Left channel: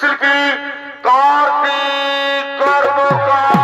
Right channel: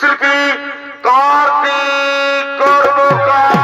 শিল্পী কার্তিক কর্মকার।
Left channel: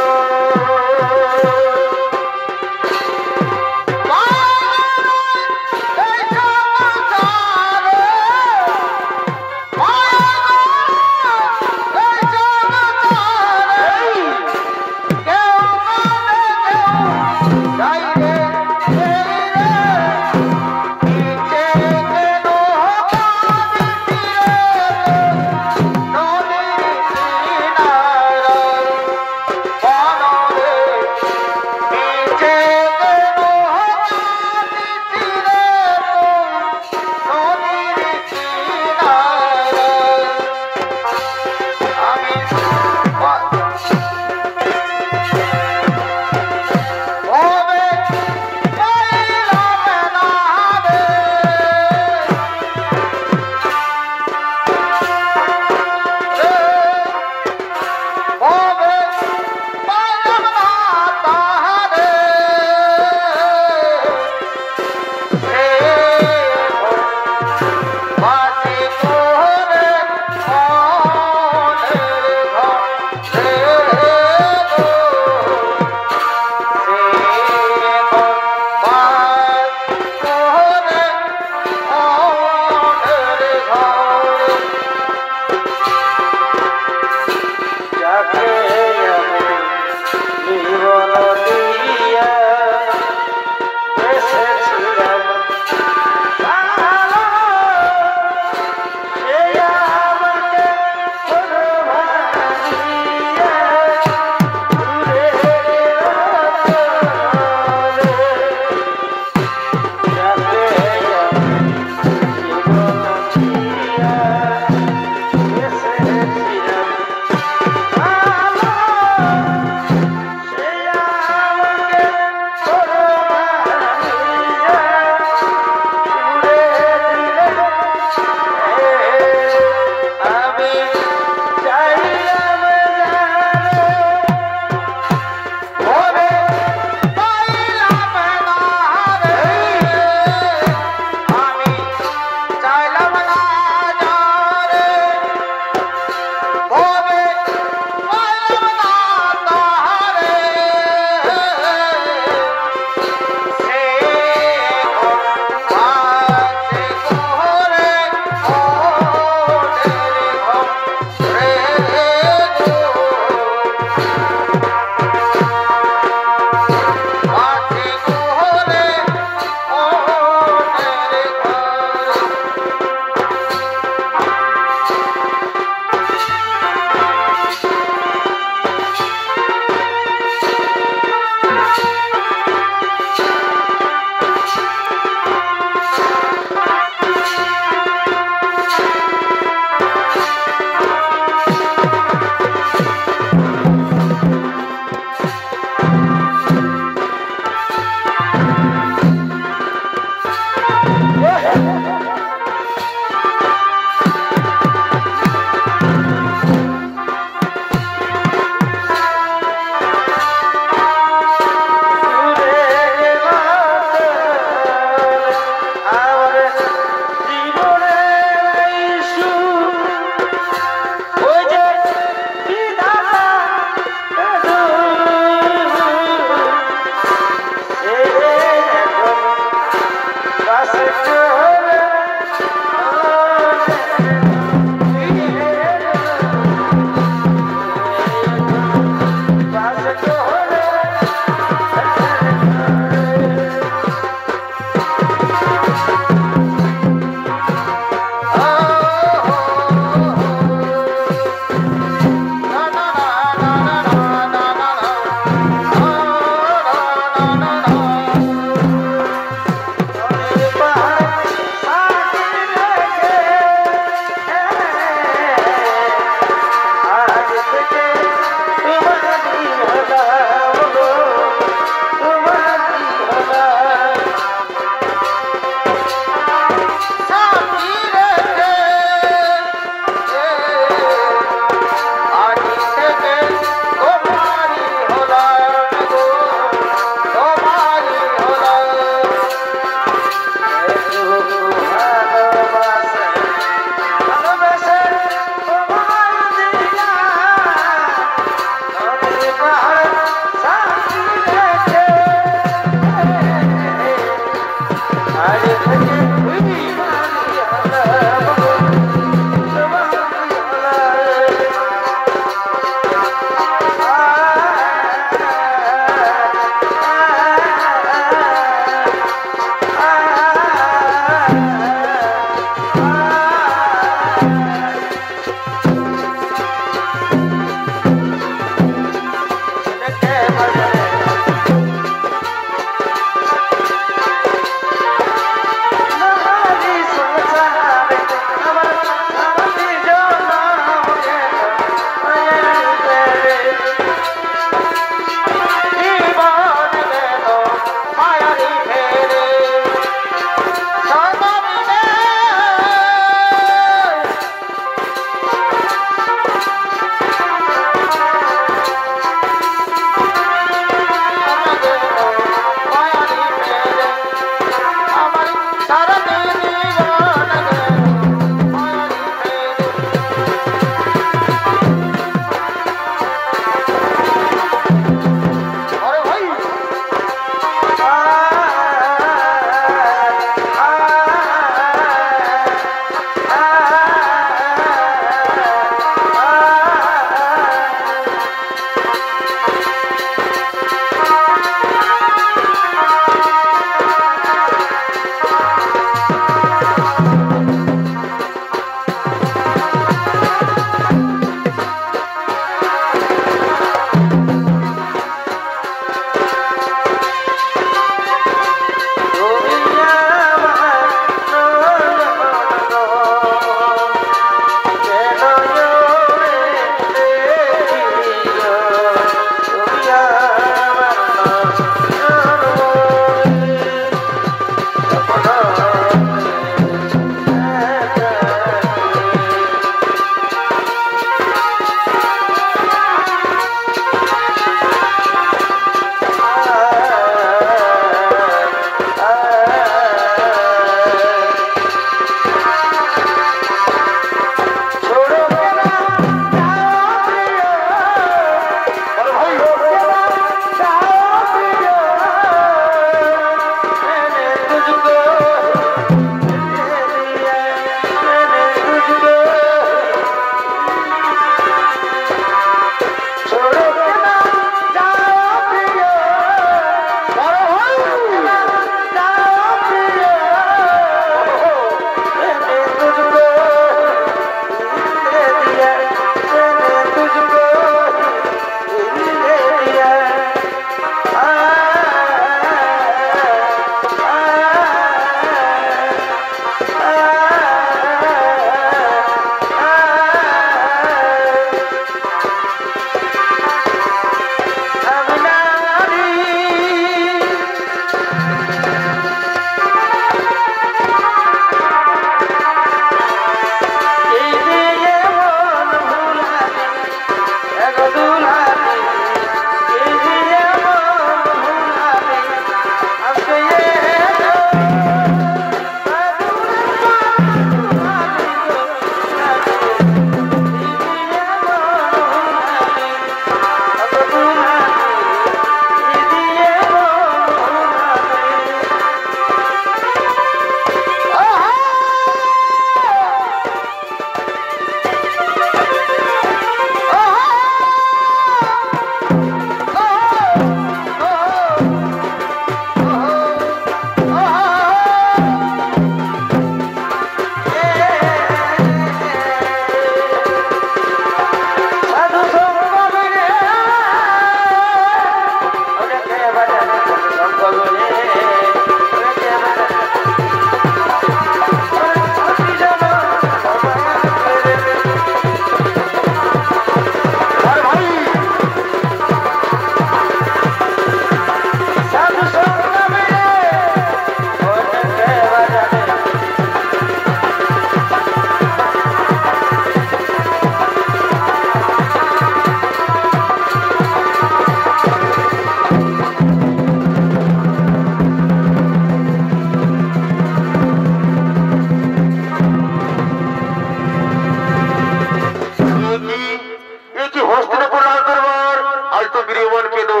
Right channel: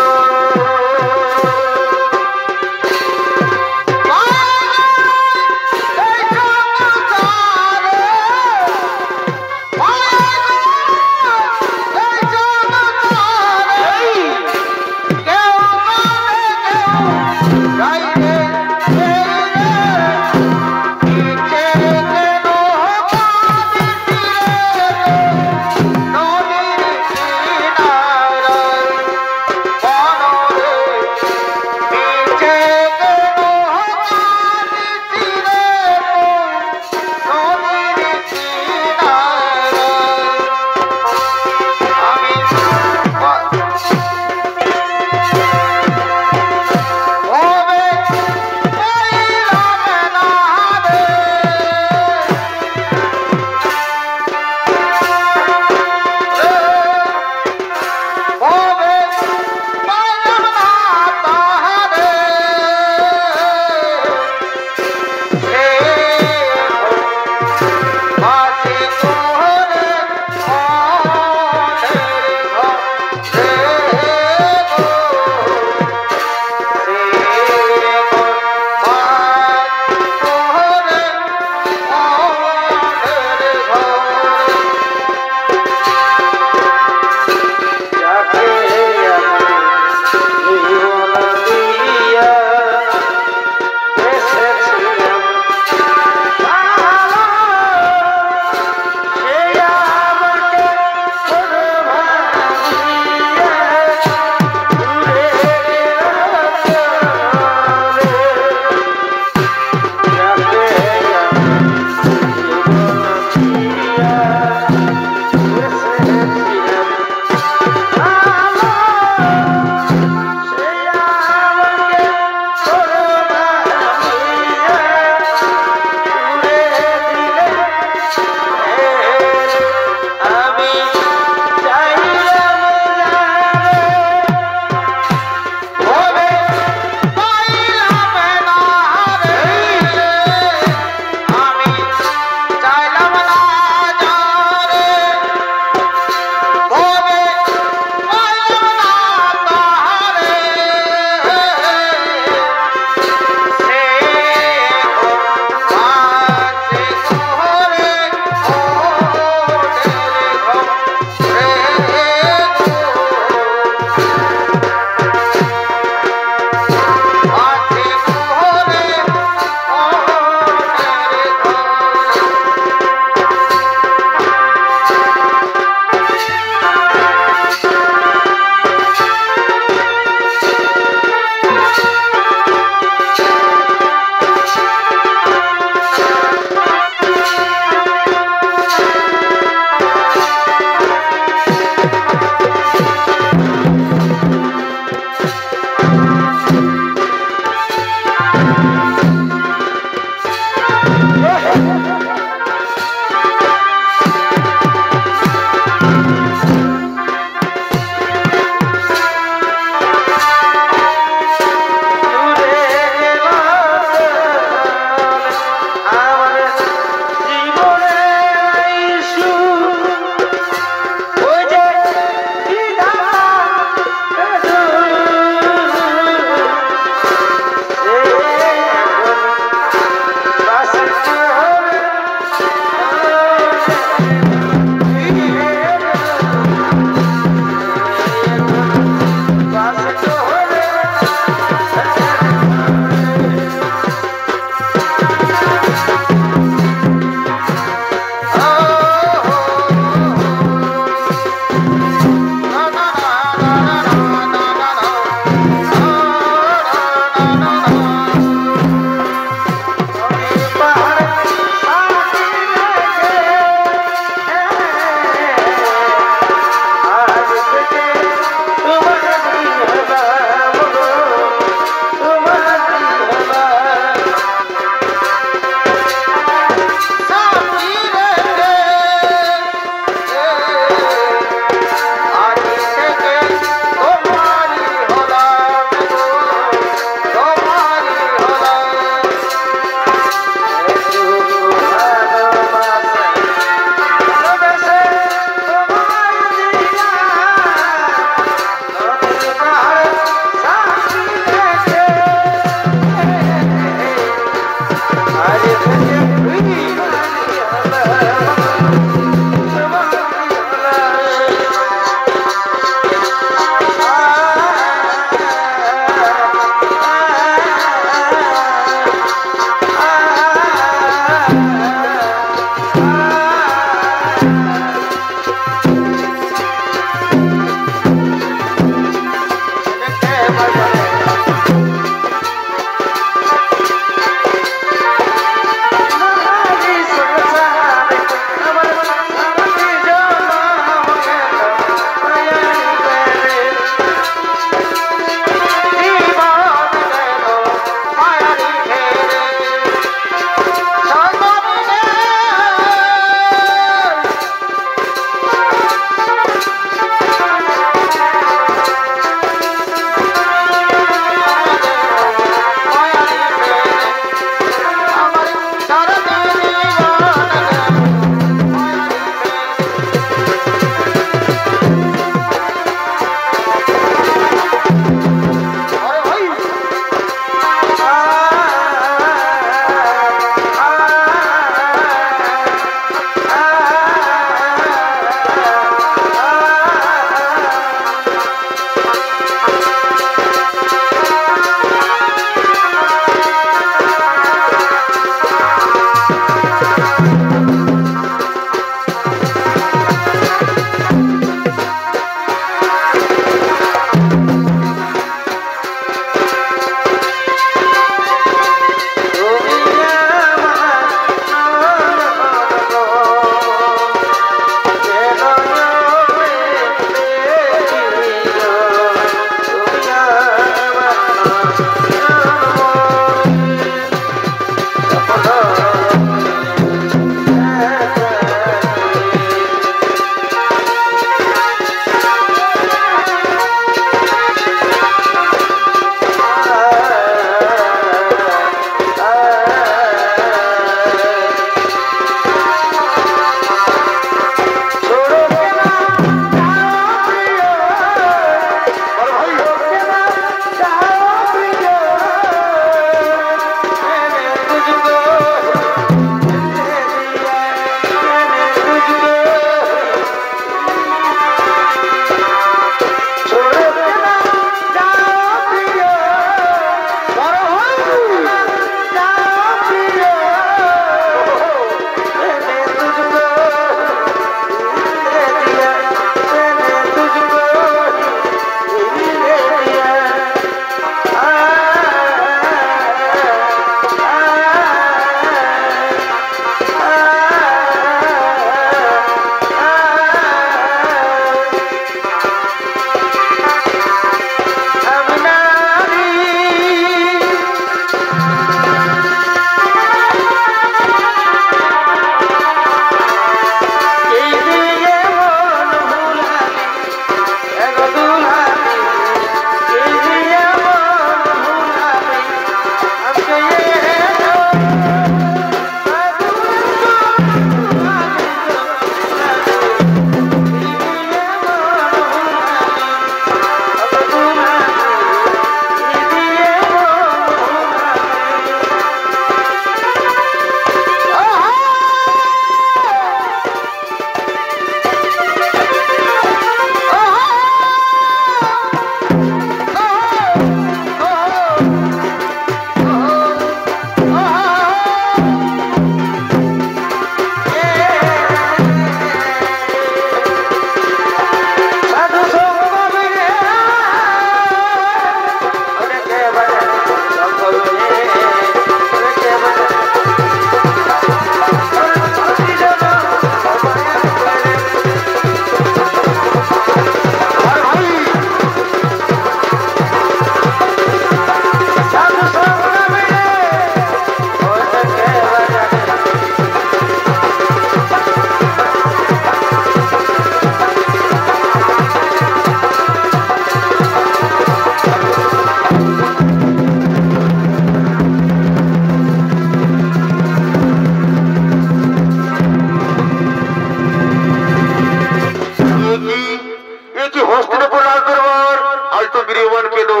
গৃহবানকে দো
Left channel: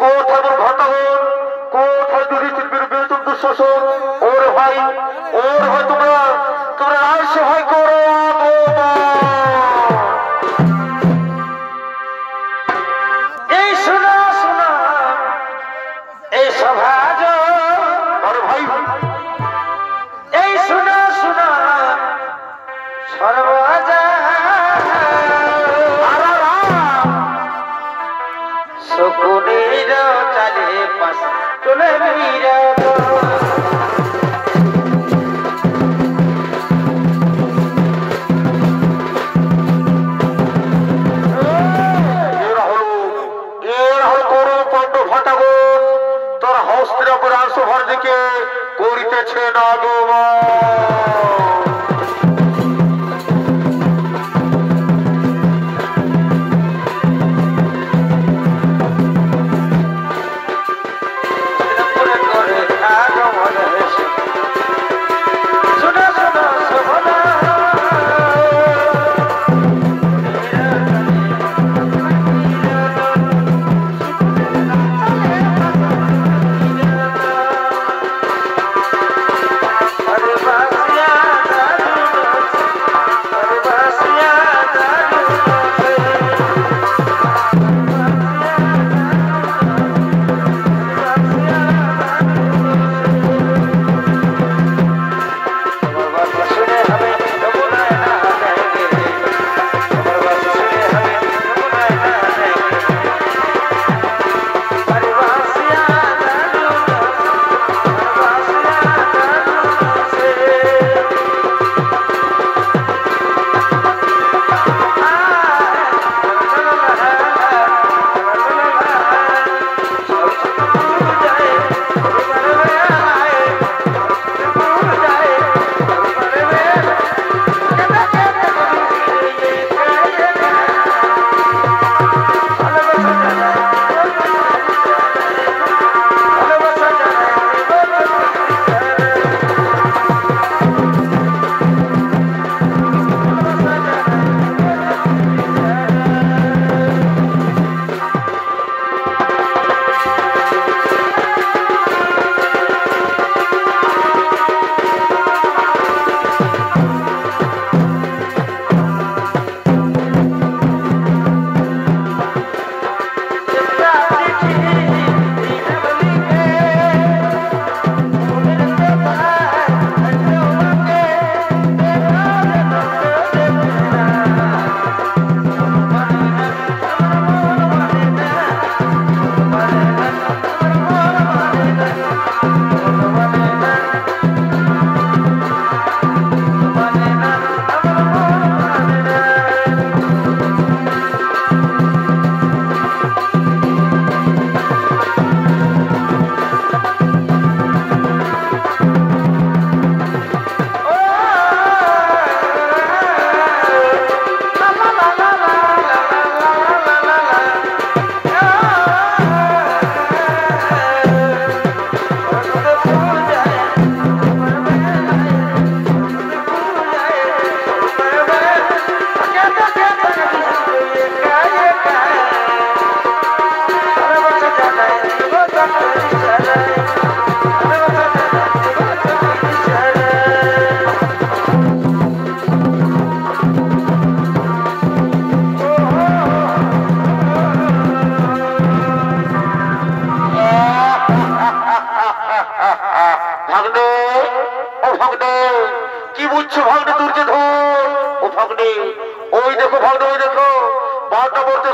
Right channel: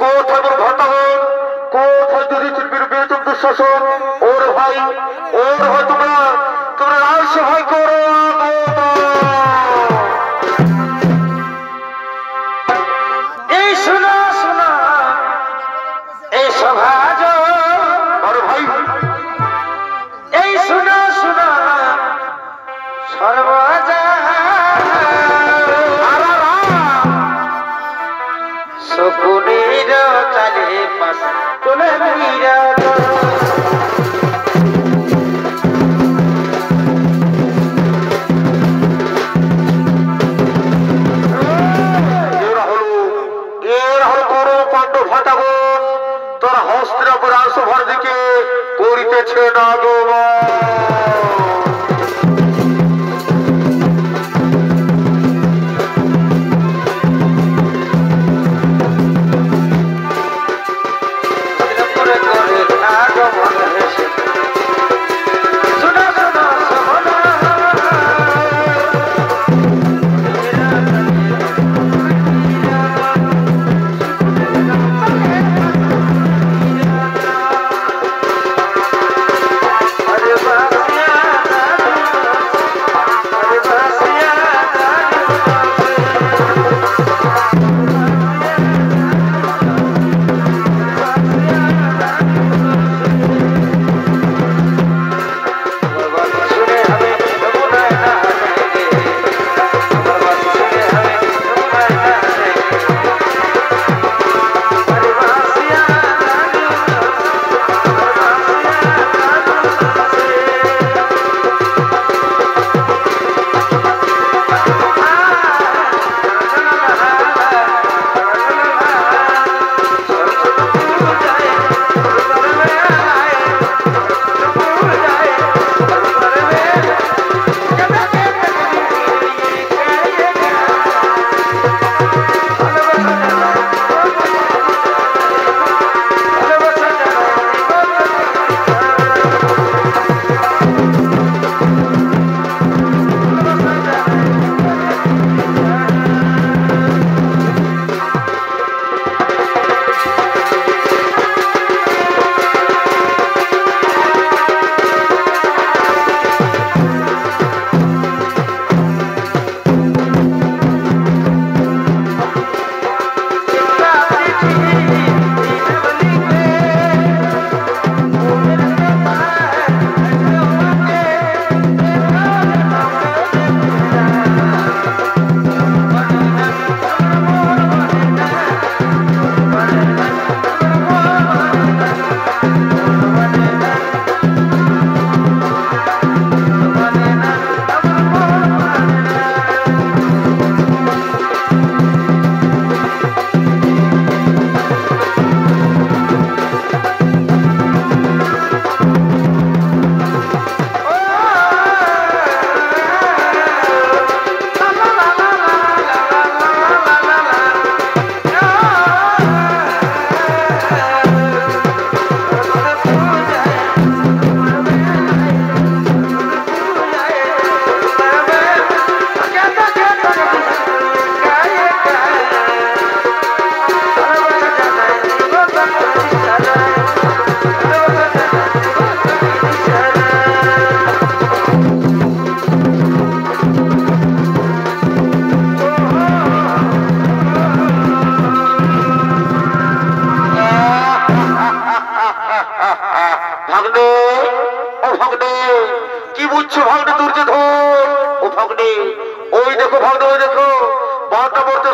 কোথায় ভতাগণ কোথায় যুধিষ্ঠির বেতন দুঃশাসন ওর ভাই তোমরা রাজ সহায় করো এই শোনো শোনো এই সভাজ বড় ভাই এই শোনো শোনো সর্বজা শকুনের চালে পাশ চলে মীরা তোর হস্তের উপর আসভার দিকে করিতেছে না গো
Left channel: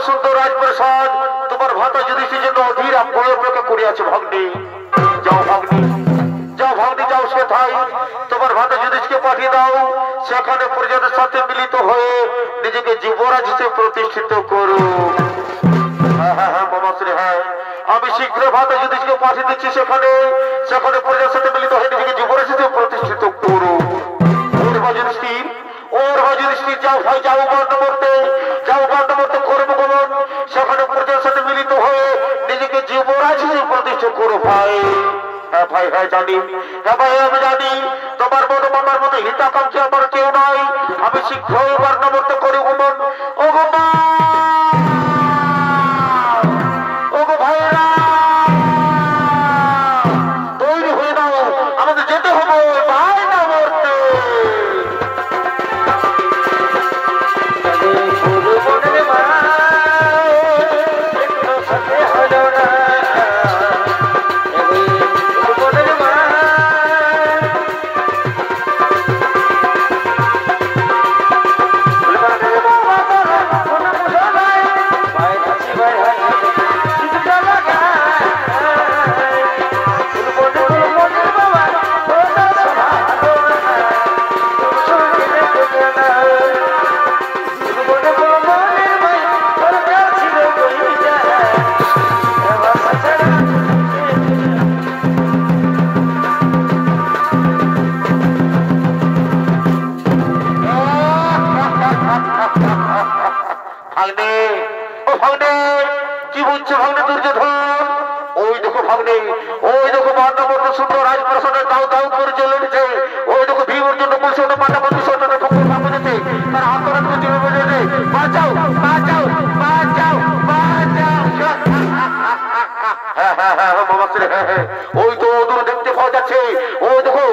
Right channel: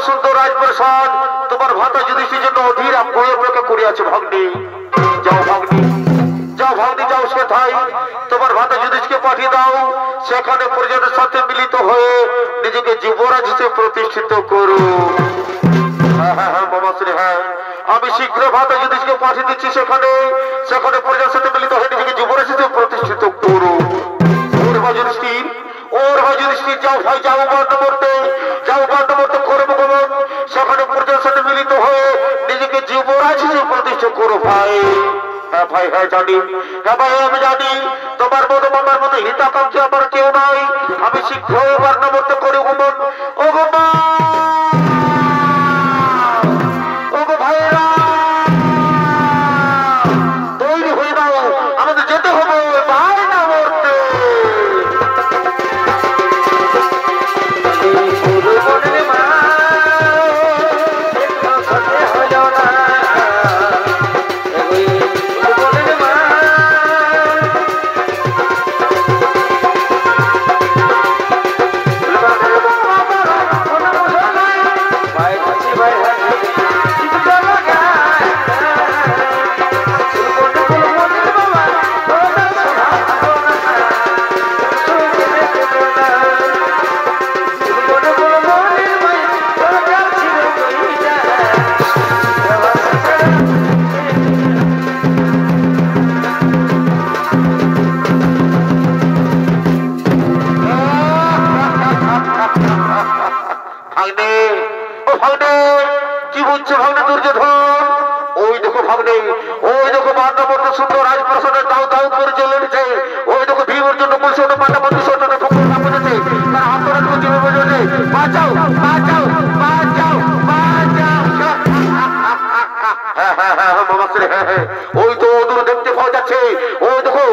সুন্দর রাজপ্রসাদ তোমার ভাতা যুধিষ্ঠির জন্য অধীর বই অপেক্ষা করিয়াছে ভগ্নী যাও ভগ্নী যাও সেথায় তোমার ভাতা যুধিষ্ঠিরকে পাঠিয়ে দাও সেখানে প্রজাদের সাথে মিলিত হয়ে নিজেকে যুবরাজ হিসেবে প্রতিষ্ঠিত করো হ্যাঁ মামাশ্রী হ্যাঁ আমি শীঘ্র ভাতা যুধিষ্ঠিরকে পাঠিয়ে দিচ্ছি সেখানে প্রজার সাথে মিলিত হয়ে নিজেকে যুবরাজ হিসেবে প্রতিষ্ঠিত করো ওর যুধিষ্ঠির যাও ভাই যাও গণ্ডমর্তে করবো গমন সেখানে প্রজার সাথে মিলিত হয়ে নিজেকে যুবরাজ হিসেবে প্রতিষ্ঠা করো ভাই হ্যাঁ ভাই হ্যাঁ জানি হ্যাঁ ভাই আমি জানি তোমার মতো মামার মতো হিতাকাঙ্ক্ষী আমার কেউ নাই আমি শীঘ্রই গণ্ডমর্তে করি গমন ও গমন ভাগ্নে ও ভাগ্নে কি বুঝছো ভাগ্নে দুর্যোধন ওই দেখো ভাগ্নে ওই দেখো মান্যবর্ত সুন্দর রাজপ্রাসাদের দাউ দাউ করে চলে এসেছে ওই দেখো ভীম অর্জুন বলছে মান্যবর্ত সন্তানের ঠোকর কাঁপেছে তার আন্দোলন করছে বলেছে বাঁচাও বাঁচাও বাঁচাও বাঁচাও হ্যাঁ হ্যাঁ হ্যাঁ মামাশ্রী হ্যাঁ হ্যাঁ ওই তো দূর দেখতে পাওয়া যাচ্ছে ওই দেখো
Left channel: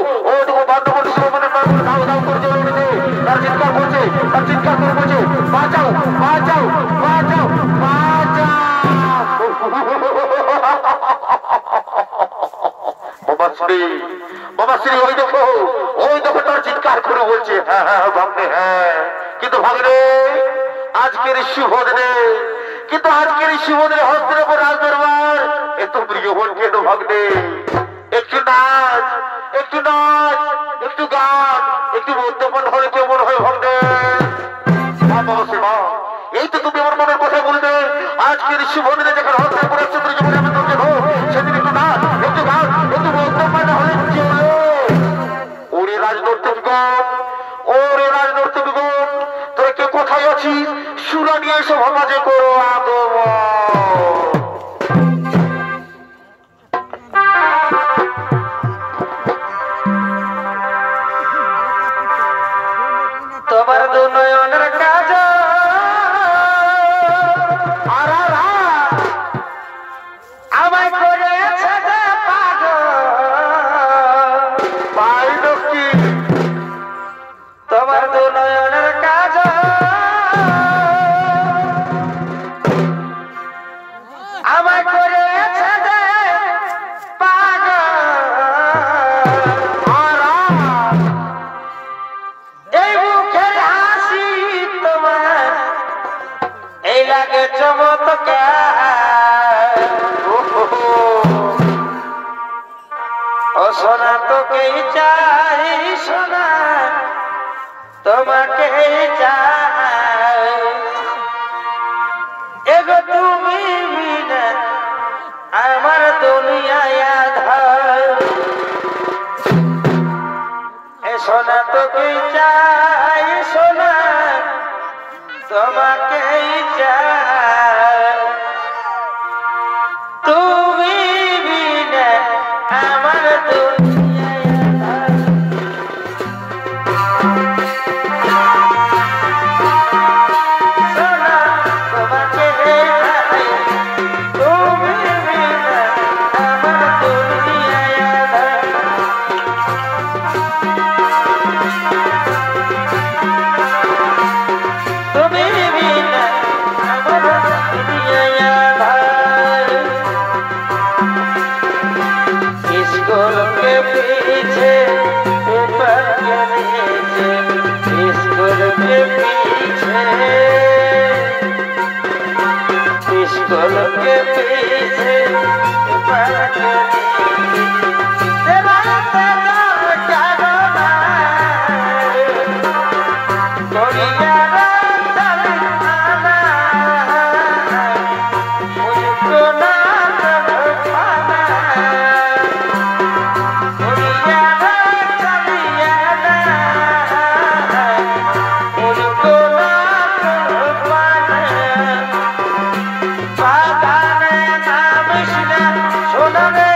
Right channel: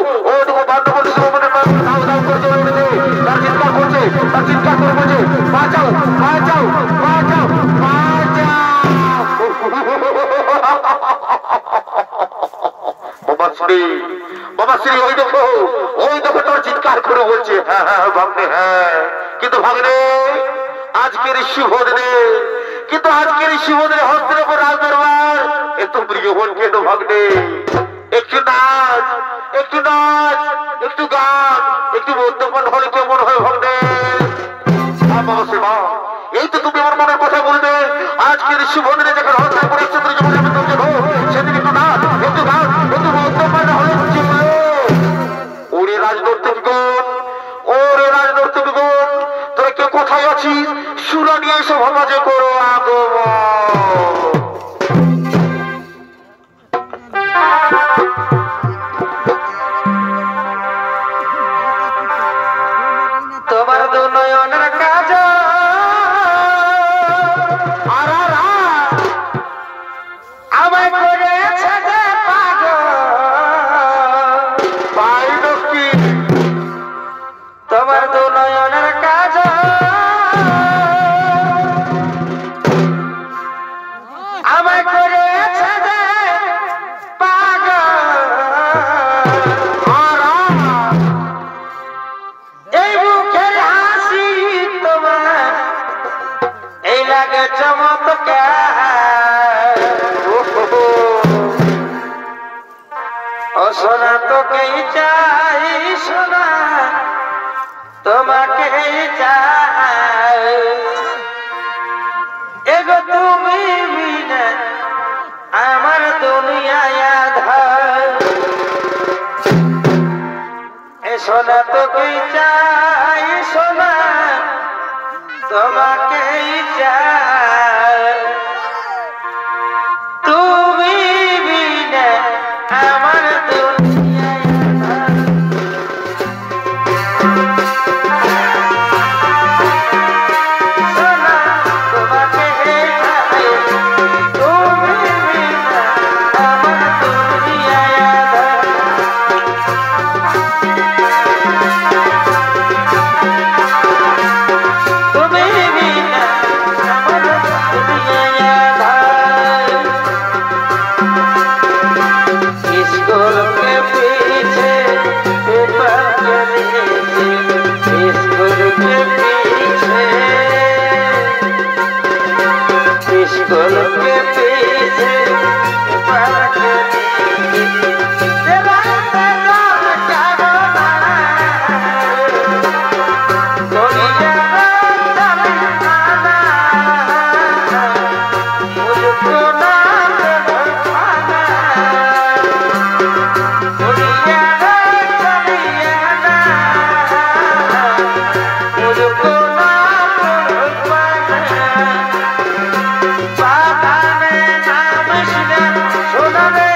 মান্যবর্ত সুন্দর দাউ দাউ করে চলে এসেছে তার চিৎকার করে বলছে বাঁচাও বাঁচাও বাঁচাও বাঁচাও মামাশ্রী ওই দেখো তোর চিৎকার করে বলছে হ্যাঁ হ্যাঁ ভাগ্নে হ্যাঁ কিন্তু ভাগ্নে আজকের শুভ দিনে হস্তের উপর রাজ দরবার এত প্রিয় বলছে তো ভাগ্নে একটু নাচ একটু গান একটু মদ্যপান হলে কেমন হয় ভাগ্নে এই তো তুমি আমার মনের কথা বলবে আজকের শুভ দিনে যখন হস্তের উপর একটু জীবনে আমি তোকে দেবো সেদিন একটু নাচ একটু গান একটু মদ্যপান হলে ওরে রাজনৈতিকগণ তোরা কে কোথায় আছিস সুরা নিয়ে এসে সমাজে করো আগমন তোমার দু নয়নের কাজ আমায় করেছে যে পাগল তোমার দু নয়নের কাজ আমায় করেছে যে পাগল এই মুখের হাসি তোমার এই লাগে চমৎকার ও সোনা তোকেই চাই সোনা তোমাকেই চাই এগো তুমি বিনা আমার দুনিয়ায় আধার এ সোনা তোকেই চাই সোনা তোমাকেই চাই তুমি বিনা আমার দুনিয়ায় আধার সোনা তোমাকেই চাই তুমি বিনা আমার দুনিয়ায় আধার তুমি বিনা আমার দুনিয়ায় আধার स्कूल के पीछे पेपर के नीचे स्कूल के पीछे स्कूल के पीछे पेपर के नीचे तेरा तेरा क्या रोना दुनिया चली आना मुझको ना पाना दुनिया चली आना मुझको ना पाना बाबा ने नाम सुना रे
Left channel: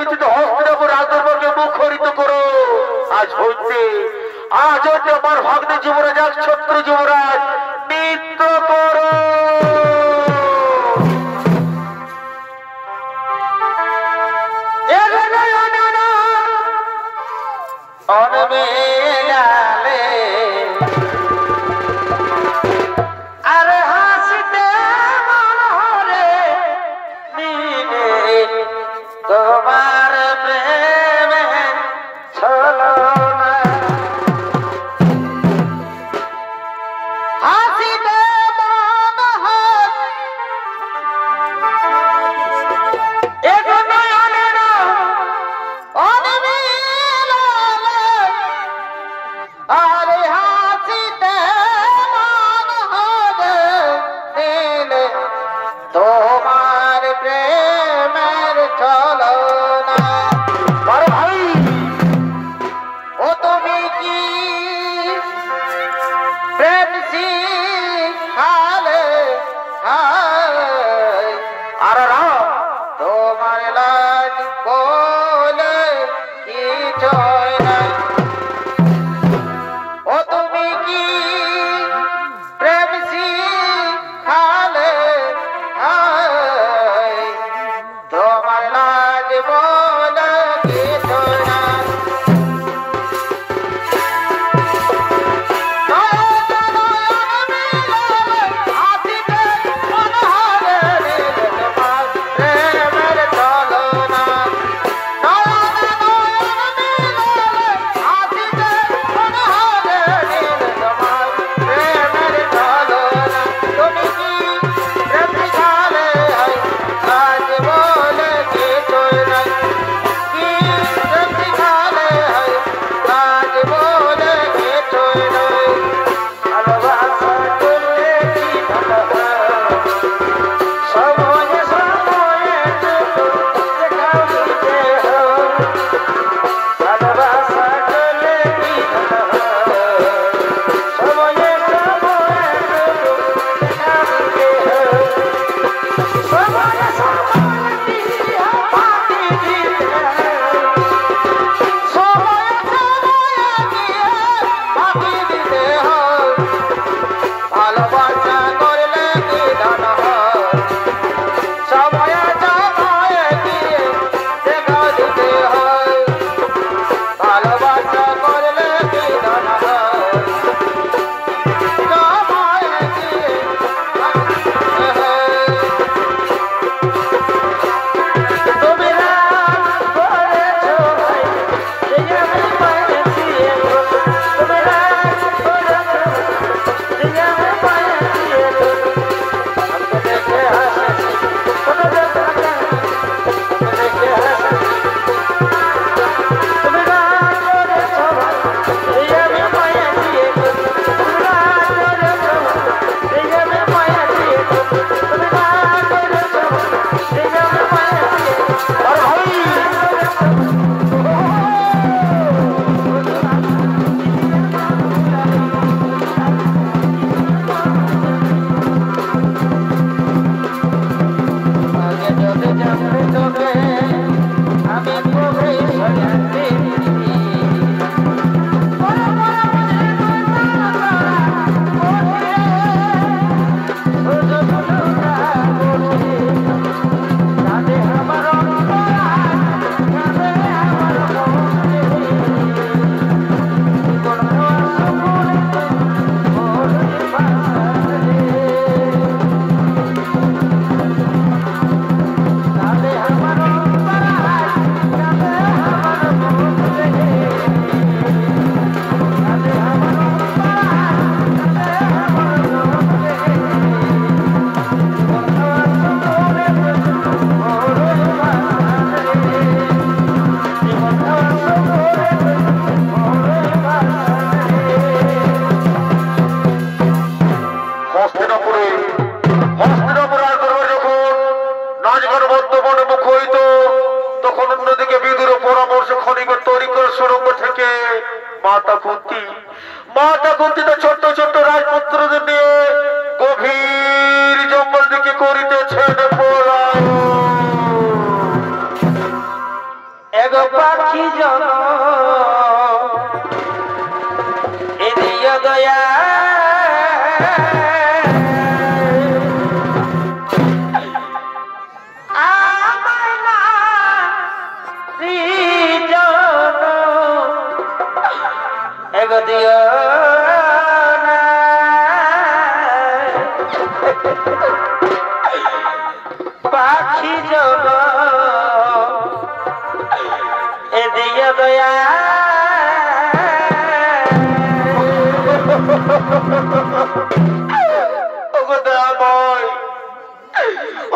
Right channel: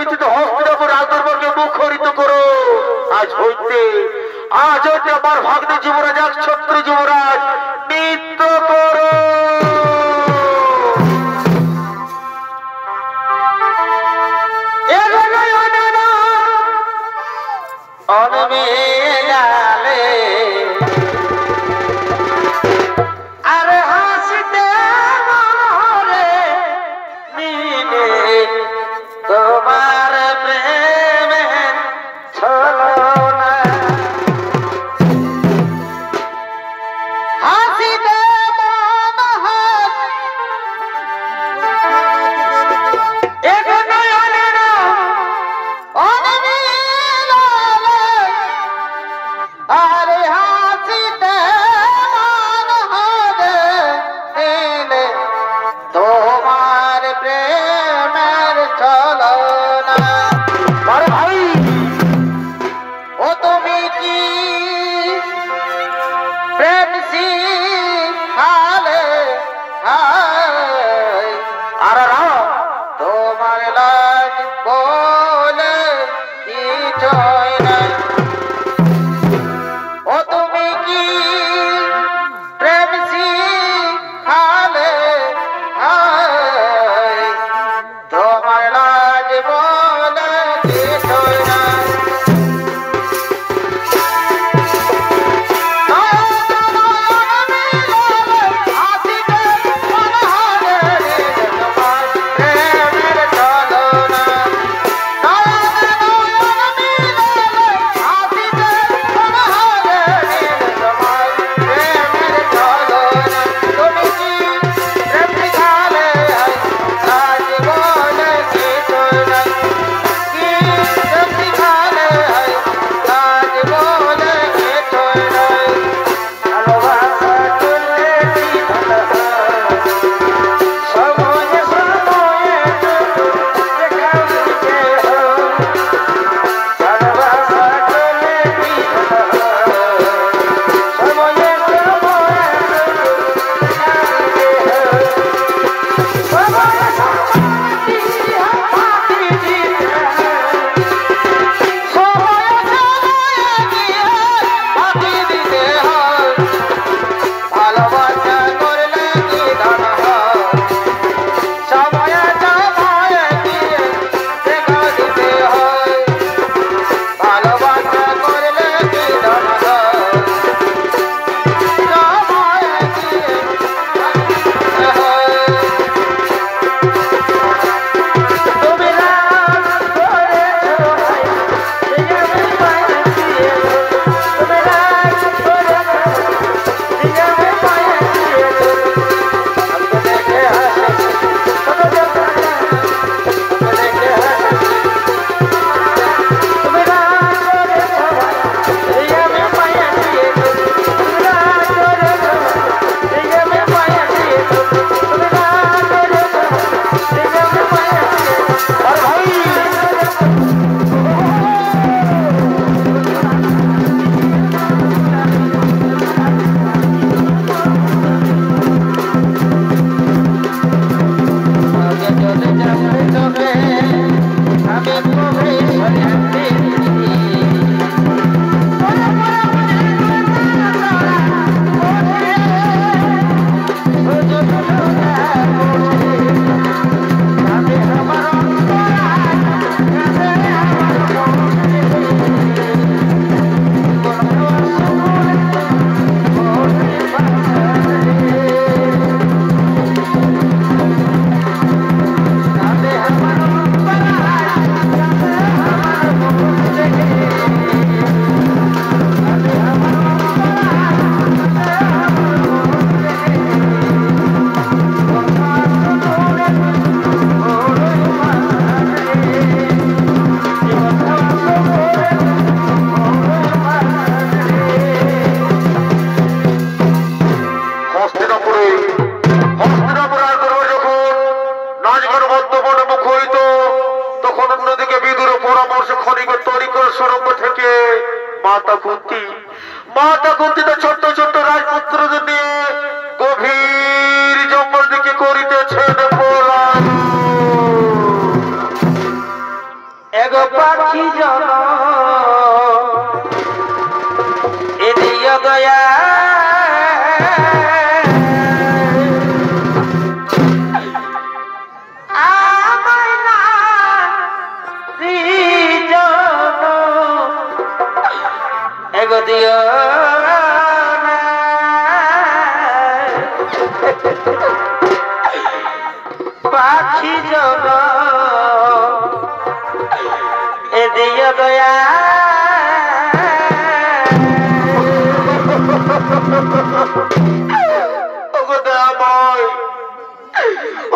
কিছুতে হস্তিনাপুর রাজদরবারকে মুখরিত করো। আজ হইতে আমার ভাগ্নে যুবরাজ এক ছত্র যুবরাজ নৃত্য করো। আরে হাসিতে মনে নিলে তোমার প্রেমে ছলো না। হাসিতে আরে হাসিতে মন হবে নিলে তোমার প্রেমের ছলনা। আরে ভাই ও তুমি কি প্রেম শিখালে আরে না তোমার লাজ বলে কিছুই নাই। ও তুমি কি প্রেম শিখালে তোমার লাজ বলে কিছুই নাই। মাতা কুন্তিতে ছোট্ট ছোট্ট রাজপুত্রদের নিয়ে গভীর জঙ্গল দিকে করিতেছেন পলায়ন। এগো পাখি জন এদিয় দয়া এগো দিও পাখি জন এদিয় দয়া ওগো দয়াময়,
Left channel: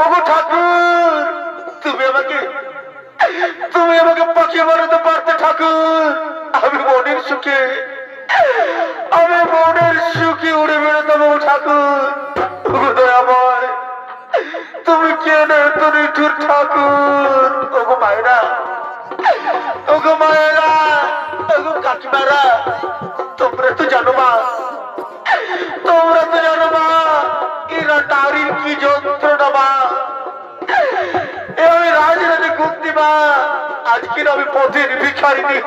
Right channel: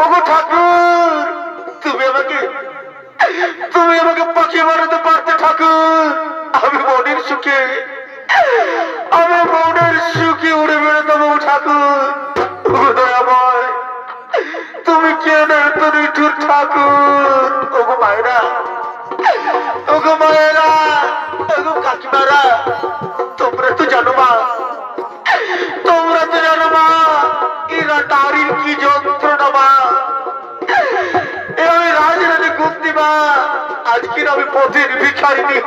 ওগো ঠাকুর, তুমি আমাকে পাখি বানাতে পারতে ঠাকুর। আমি মনের সুখে উড়ে বেড়াতাম ঠাকুর। ওগো দয়াময়, তুমি কেন এত নিঠুর ঠাকুর? ওগো মায়েরা, ওগো কাকিমারা, তোমরা তো জানো মা, এরা নারীর কি যন্ত্রণা মা। আমি রাজরাজে গুপ্তি মা, আজকের আমি পথের ভিখারিণী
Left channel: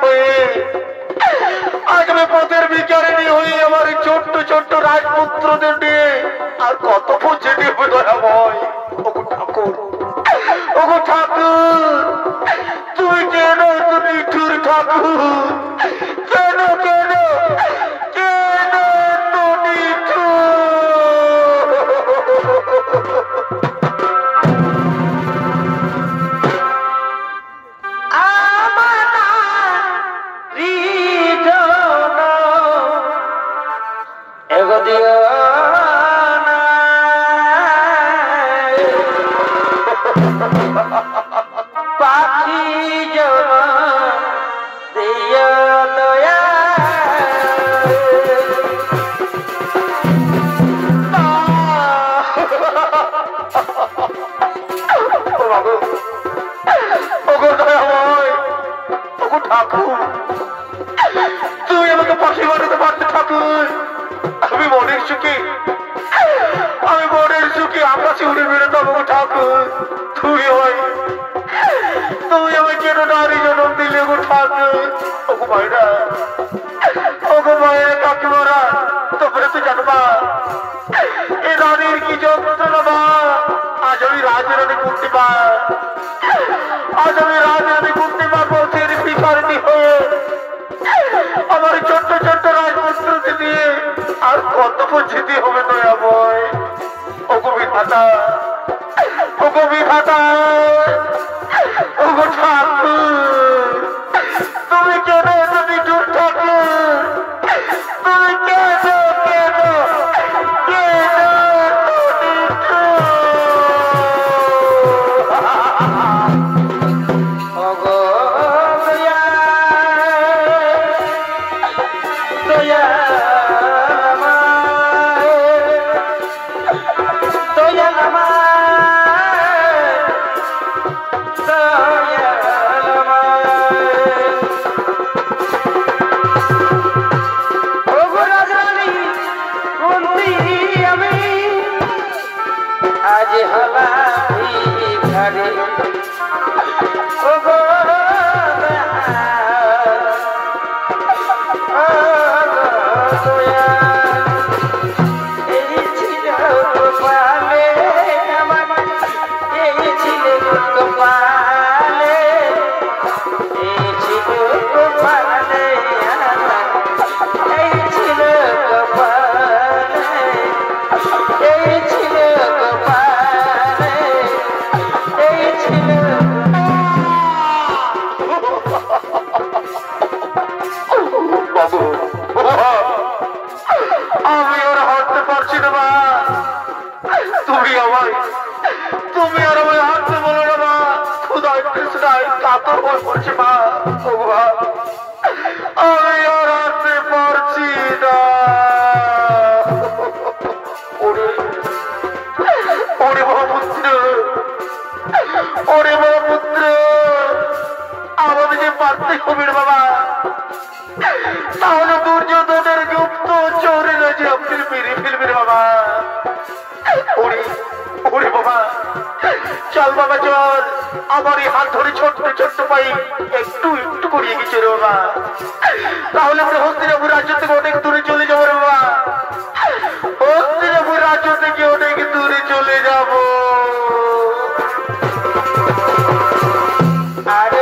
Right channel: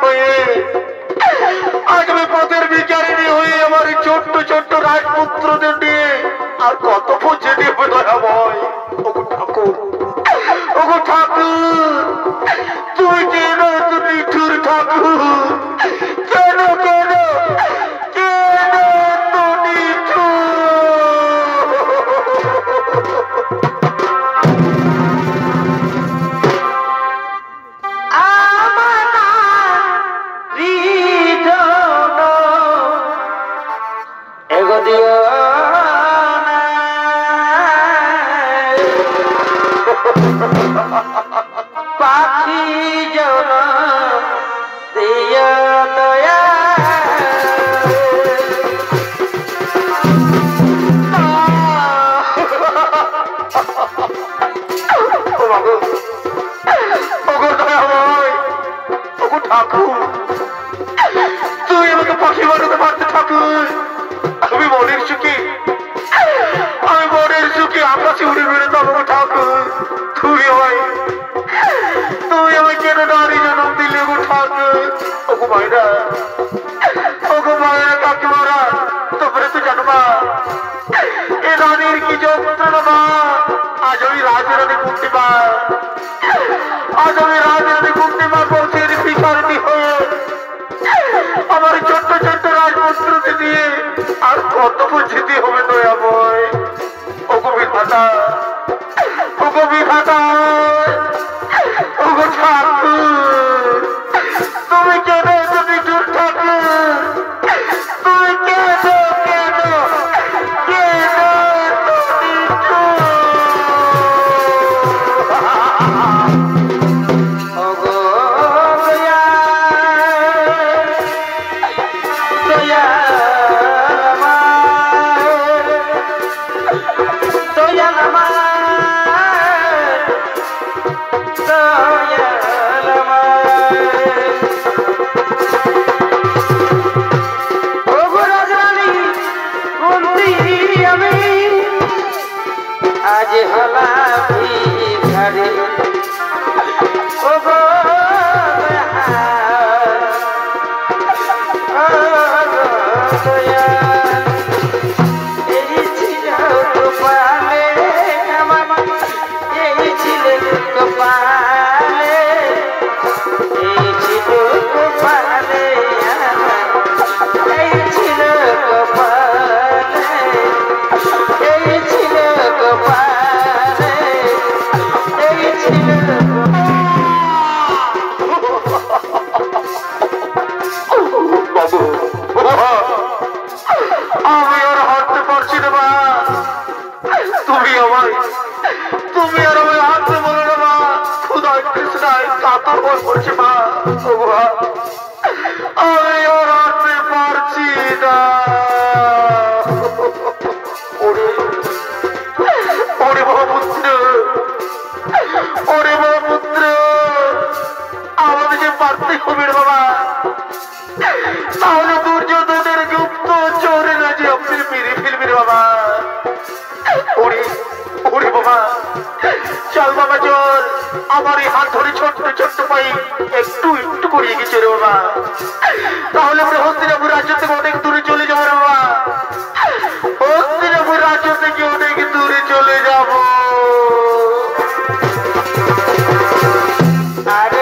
হয়ে আমার ছোট্ট ছোট্ট রাজপুত্রদের নিয়ে আর কত পৌঁছে নেব দয়াময়। ওগো ঠাকুর, তুমি কেন এত নিঠুর ঠাকুর? কেন এত নিঠুর? এগো দিও পাখি জন দিও দয়া ওগো দয়াময়, ওগো ঠাকুর, তুই আমাকে পাখি বানাতে পারতে ঠাকুর। আমি মনের সুখে আকাশে উড়ে বেরোতাম ঠাকুর। তুমি আমায় কেন নারী জন্ম দিলে গো ঠাকুর? ওগো মায়েরা, কাকিমারা, তোমরা তো জানো মা, এ নারীর কি যন্ত্রণা মা। আজ আমি রাজরানী কুন্তিমা পথের ভিখারিণী হয়ে আমার ছোট্ট ছোট্ট রাজপুত্রকে দিয়ে আর কত যেতে হবে দয়াময়। ওগো বিধাতা, ওগো ঠাকুর, তুমি কেন এত নিঠুর ঠাকুর? তুমি কেন এত নিঠুর? ওগো দয়া দয়া আজ হলা ভিখারি ওগো দয়া এই ছিল কপালে আমার, এই ছিল কপালে, এই ছিল কপালে আমার, এই ছিল কপালে, এই ছিল কপালে, এই ছিল বাবু, আমি আর হাঁটতে পারছি না মা। তুমি আর আমায় হাঁটতে বলো না মা। ক্ষুধায় তৃষ্ণায় কাতর হয়ে পড়ছে মা। আমি আর হাঁটতে পারছি না। ওরে বাবা পুত্র, আমাদেরকে পারতে হবে রে বাবা, তাহলে দুর্যোধনের গুপ্ত চোরে যে আপনি মেরে ফেলবেন বাবা। ওরে বাবা, চল বাবা চল, আমার এই হাত ধরে ছোট্ট ছোট্ট পাই একটু একটু করিয়ে গেছে রে বাবা, তাহলে আমরা হস্তিনাপুর রাজ্য থেকে অনেক দূরে চলে যাবো রে বাবা, হস্তিনাপুর রাজ্য থেকে অনেক দূরে চলে যাবো। আরে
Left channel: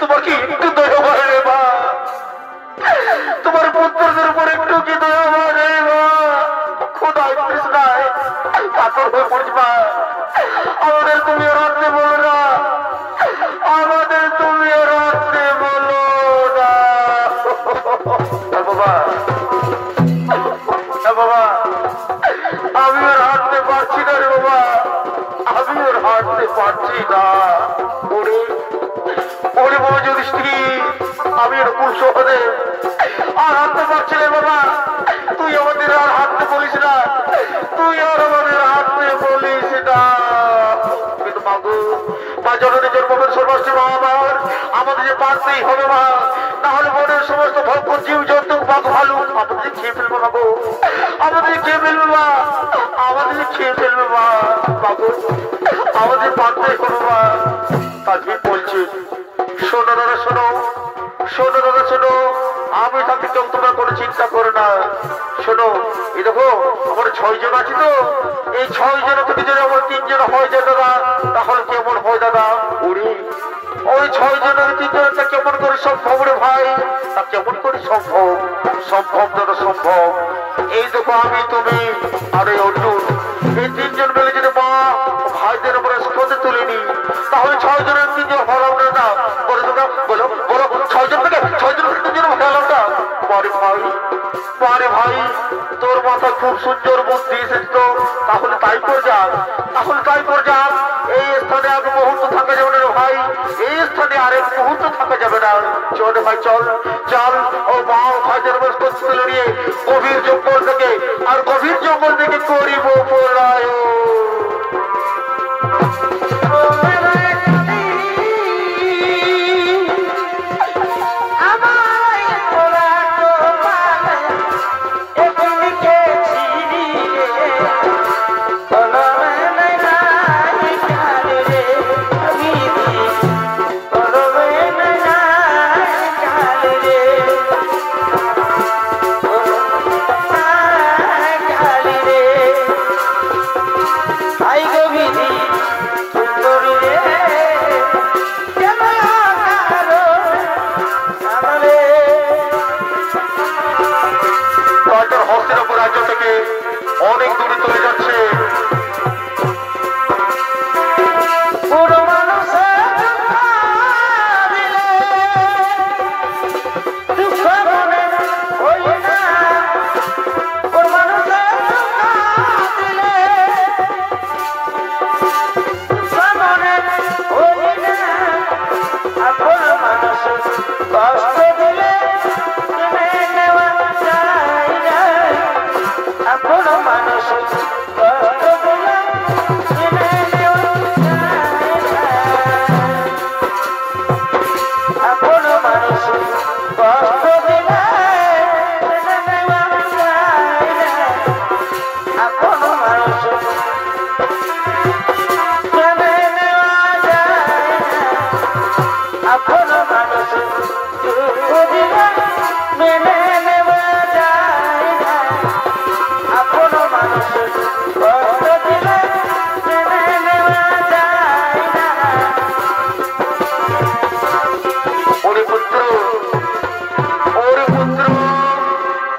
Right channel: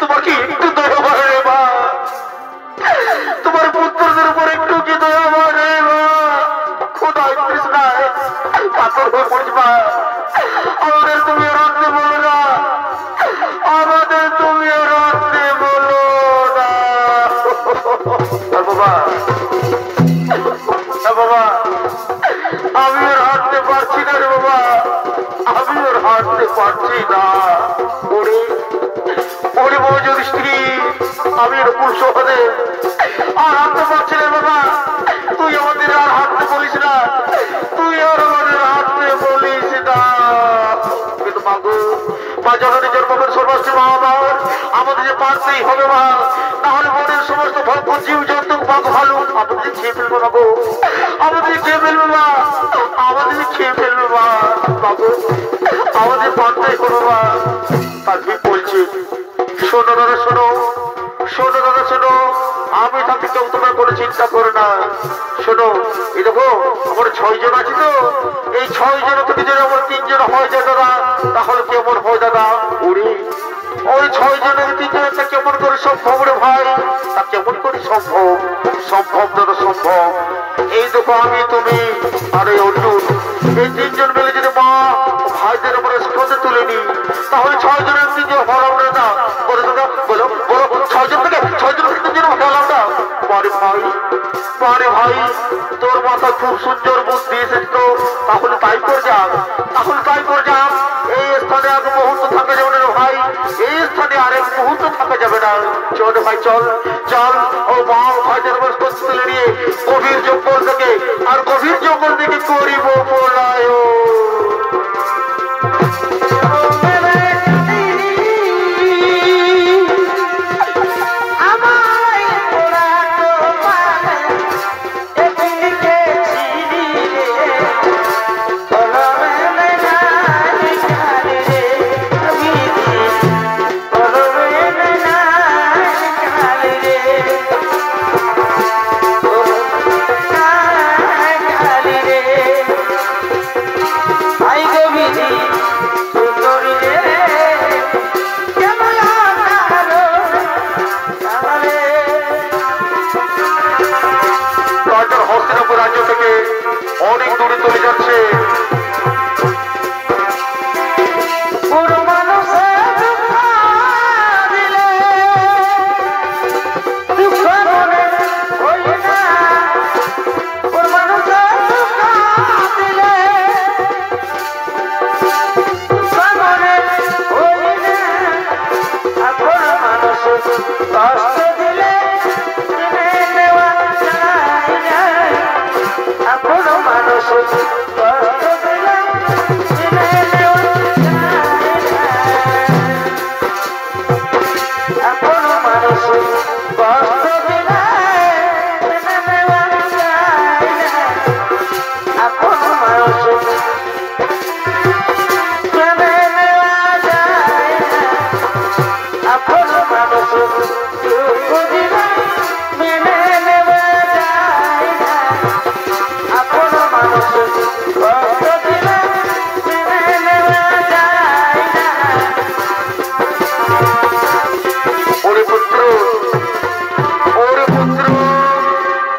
তোমার কি একটু দয়া করে রে মা, তোমার পুত্রদের উপর একটু কি দয়া করে মা, খোদায় কৃষ্ণায় কাতর হয়ে পড়িস মা, আমাদের তুমি রাখতে বলো না, আমাদের তুমি রাখতে বলো না। বাবা বাবা আমি ওর হাঁটতে পারছি না রে বাবা, আমি ওর হাঁটতে পারছি না। ওরে ওরে বউ যদি স্ত্রী আমি এর পুরুষ হতে আর হাঁটতে পারছি না বাবা, তুই আমাদের আর হাঁটতে বলিস না, তুই আর আমাদের হাঁটতে বলিস না। কিন্তু মাগো মা জননী জন্মবেন সর্বস্ব মা আমার, আমাদের যে পারতেই হবে মা, তাহলে মনের সমস্ত ভক্ত জীব জন্তু বাঘ ভালো আমাদের খেয়ে ফেলবো না গো, আমাদের খেয়ে ফেলবো মা, আমাদের খেয়ে ফেলবো মা, বাবু আমাদের পারতেই করবো মা। তাকে বলছি শোনো দাদা শোনো, শোনো দাদা শোনো, আমি তাকে কেউ তোমরা কোনো চিন্তা করো না। শোনো এই দেখো আমার 6 জন আছে তো, এই 6 জন থেকে যদি আমার 3 জন হয়ে যায় দাদা, তাহলে কেমন হয় দাদা? ওরে ওই 6 জনের 3 জনটা কেমন করে সম্ভব রে ভাই, তা কেমন করে সম্ভব? সম্ভব দাদা সম্ভব। এই দেখো আমি তুমি আর এই অর্জুন, এই 3 জন মিলে যদি মা ভাইদের আমরা স্কোতে তুলে নি, তাহলে 6 জনের 3 জন হলাম না। বলো দাদা বলো বলো 6 জন থেকে 3 জন হলাম না। পরে ভাই পরে ভাই তোর মাথায় খুব সুন্দর বুদ্ধি এসেছে তো, তাহলে তাই কর যাক, তাহলে তাই কর যাক। এই স্থানে আর মুহূর্ত থাকা যাবে না ভাই, এই স্থানে আর এক মুহূর্ত থাকা যাবে না। চল ভাই চল চল, ও মা ভাইদের বস্তু তুলে নিয়ে গভীর জঙ্গল থেকে আর গভীর জঙ্গল থেকে করিব পলায়। হস্তিনাপুর রাজ্য থেকে অনেক দূরে চলে যাচ্ছে। পুরো মানুষ দুঃখ মনে হই না, পুরো মানুষ দিলে দুঃখ মনে হই না, আপন মানুষ কষ্ট দিলে কিনে নেওয়া যায় না, আপন মানুষ কষ্ট দিলে কিনে নেওয়া যায় না, আপন মানুষ কষ্ট দিলে কিনে নেওয়া যায় না, আপন মানুষ কিনে নেওয়া যায় না, আপন মানুষ দুঃখ দিলে মেনে নেওয়া যায় না, আপন মানুষ কষ্ট দিলে মেনে নেওয়া যায় না। ওরে পুত্র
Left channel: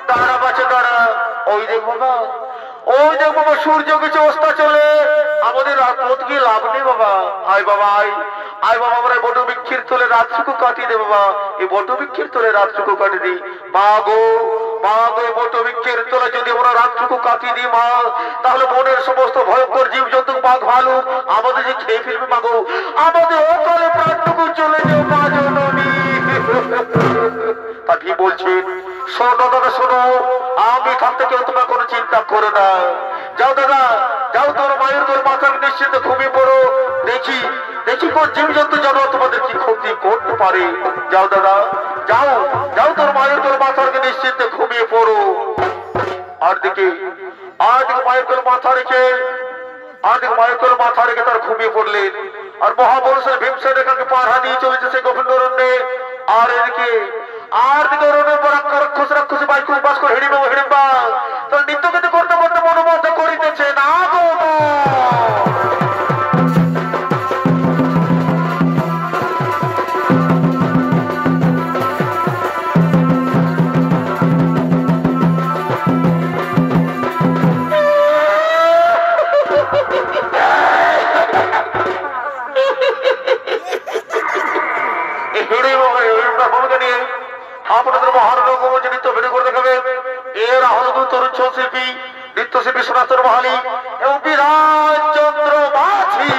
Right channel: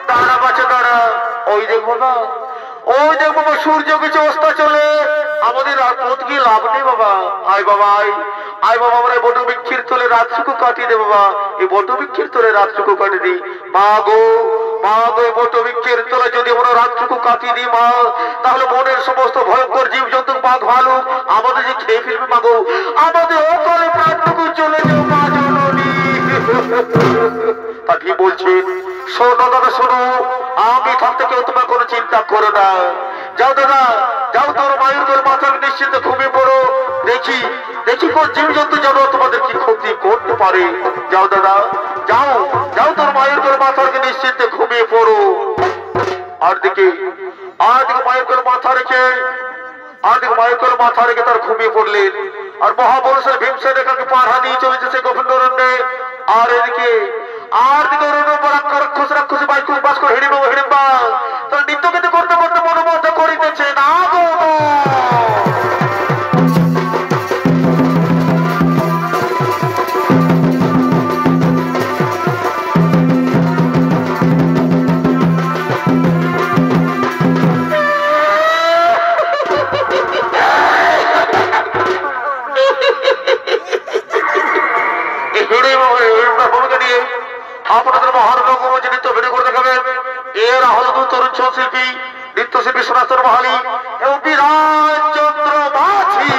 দাঁড়া বাচ্চা দাঁড়া, ওই দেখো না ওই দেখ বাবা সূর্য কিছু অস্তা চলে আমাদের রাত কি লাভ নেই বাবা। আয় বাবা আয় আয় বাবা আমরা বট বৃক্ষের তলে রাতটুকু কাটিয়ে দে বাবা। এই বট বৃক্ষের তলে রাতটুকু কাটিয়ে দিই মা গো এই বট বৃক্ষের তলে যদি আমরা রাতটুকু কাটিয়ে দিই মা, তাহলে বনের সমস্ত ভয়ঙ্কর জীব জন্তু বাঘ ভালুক আমাদের যে খেয়ে ফেলবে মা গো। আমাদের অকালে প্রাণটুকু চলে যাও মা জননী। তা কি বলছেন? শোনো দাদা শোনো, আমি থাকতে কেউ তোমার কোনো চিন্তা করো না। যাও দাদা যাও, তোর মায়ের তোর মাথার নিশ্চিন্তে ঘুমিয়ে পড়ো। দেখি দেখি কোন জীব জন্তু যেন তোমাদের কি ক্ষতি করতে পারে। যাও দাদা যাও যাও, তোর মায়ের তোর মাথার নিশ্চিন্তে ঘুমিয়ে পড়ো। আর দিকে মায়ের তোর মাথা রেখে তার ঘুমিয়ে পড়লেন। আর মহাপুরুষের ভীমসেন এখানে পাড়া দিয়ে চলেছে সে গোবিন্দরণ্যে। আর এদিকে রাক্ষসী বাইকুশ বাস করে হিড়িম্বা তার নৃত্য কিন্তু করতে করতে মনোমুগ্ধ করিতেছে না গো। ভূমিকা নিয়ে আপনাদের মহান রঙ্গমঞ্চে নৃত্য ভিডিও করে দেখাবেন এরা হল তরুণ শিল্পী নৃত্যশিল্পী সোনাস্তর মহালি এবং বিরাজ চন্দ্র মাঝি।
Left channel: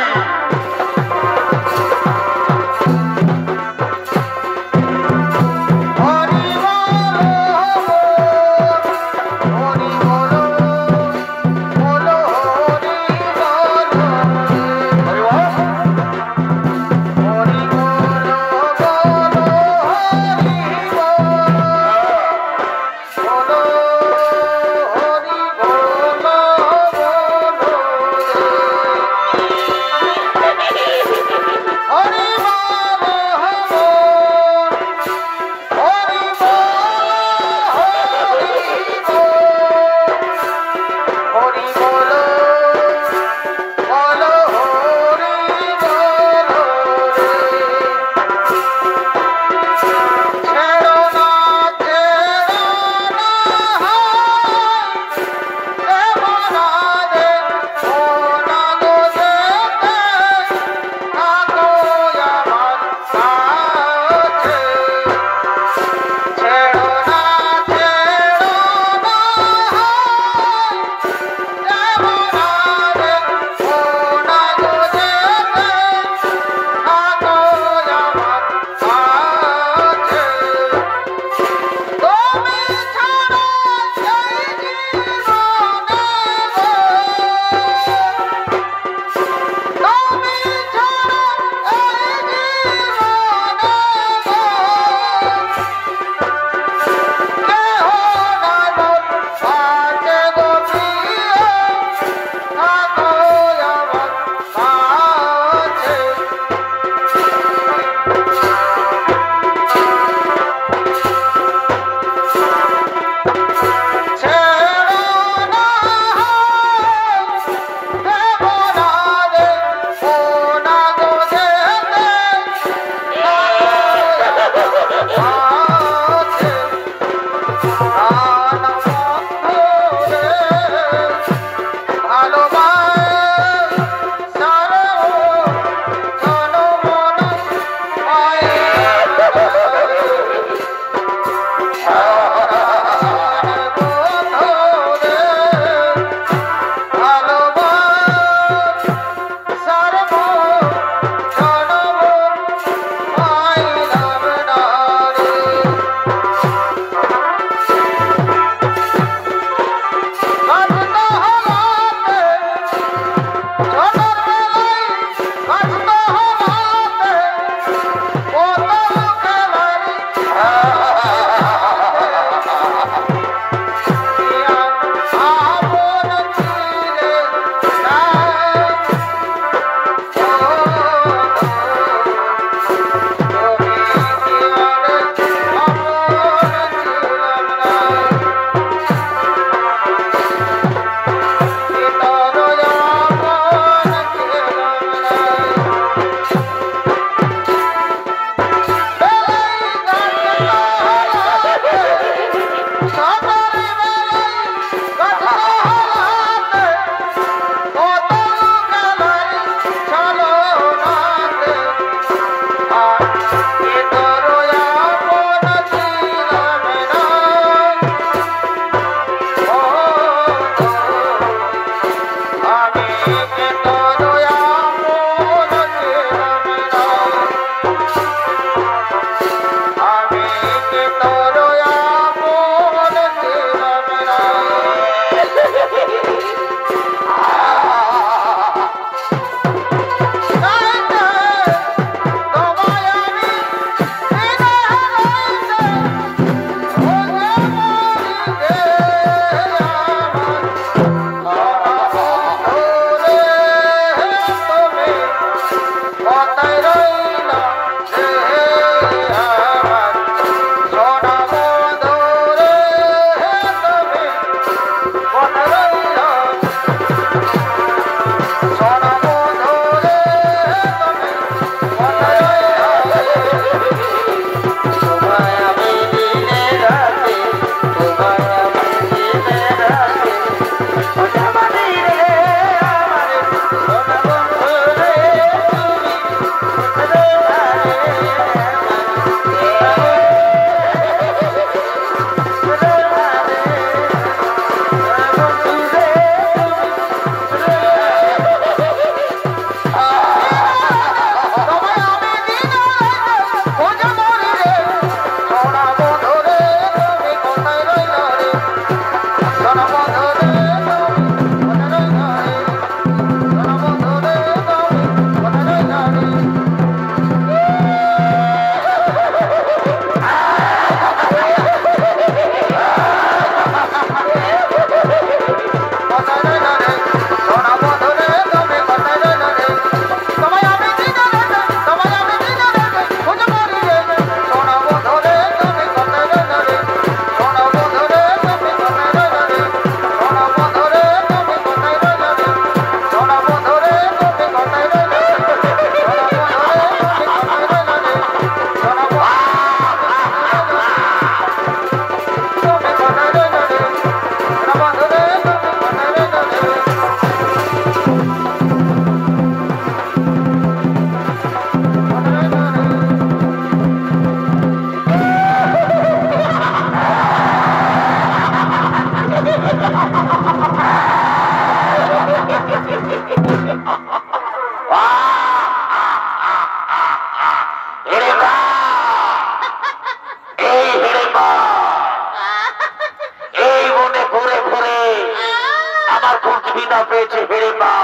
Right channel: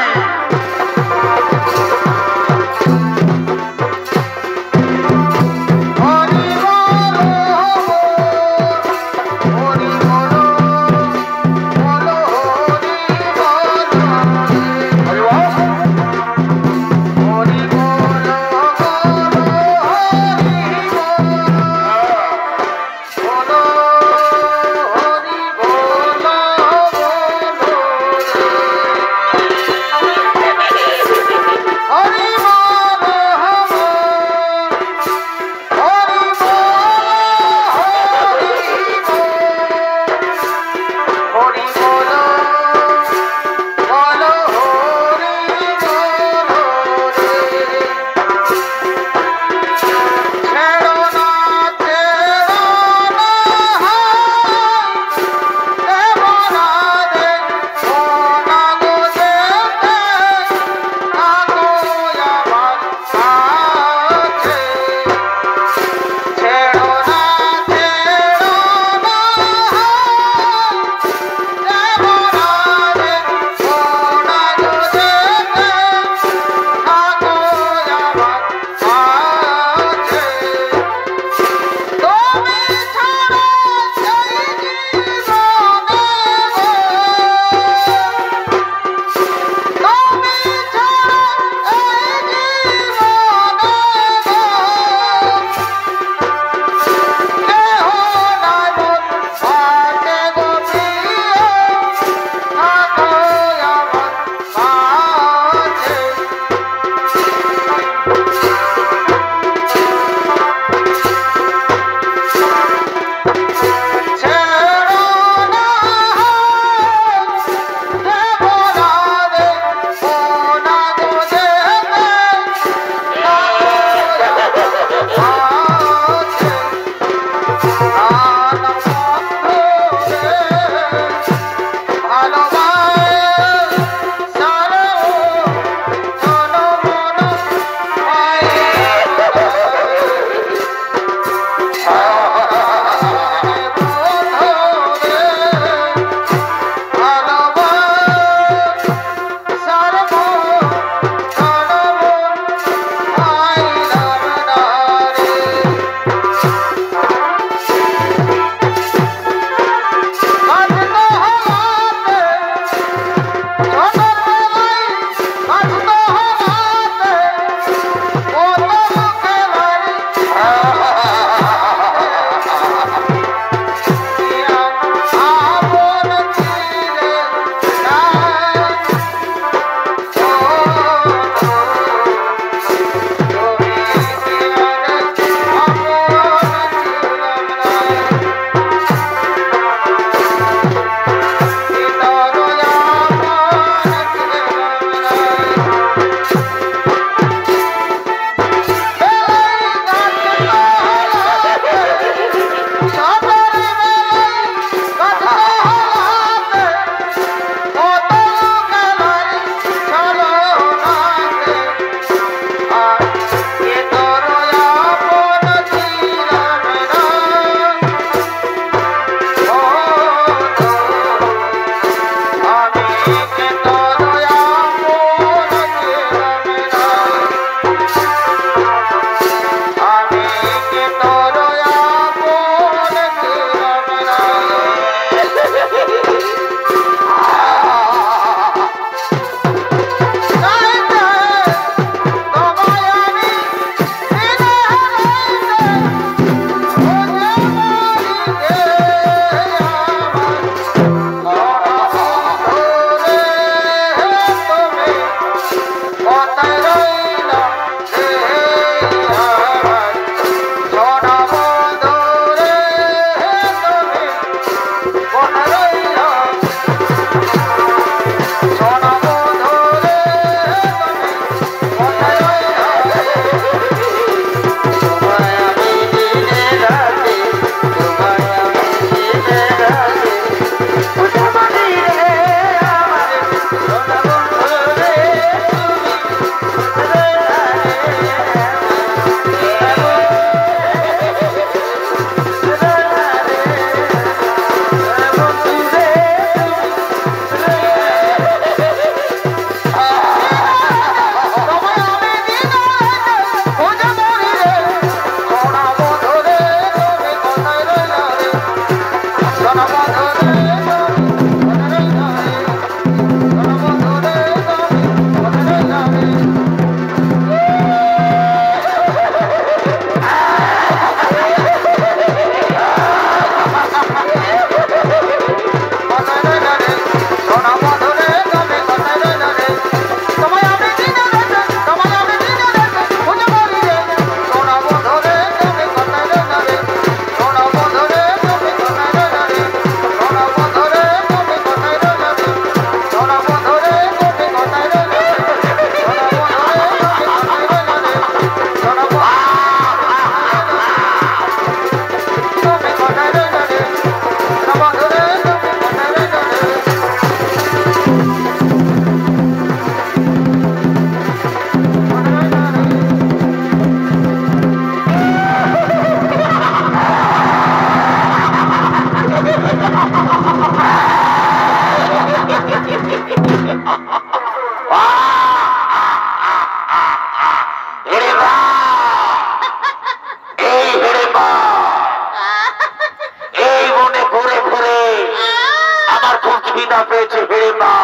খিদা পেয়েছে হিড়িম্বা,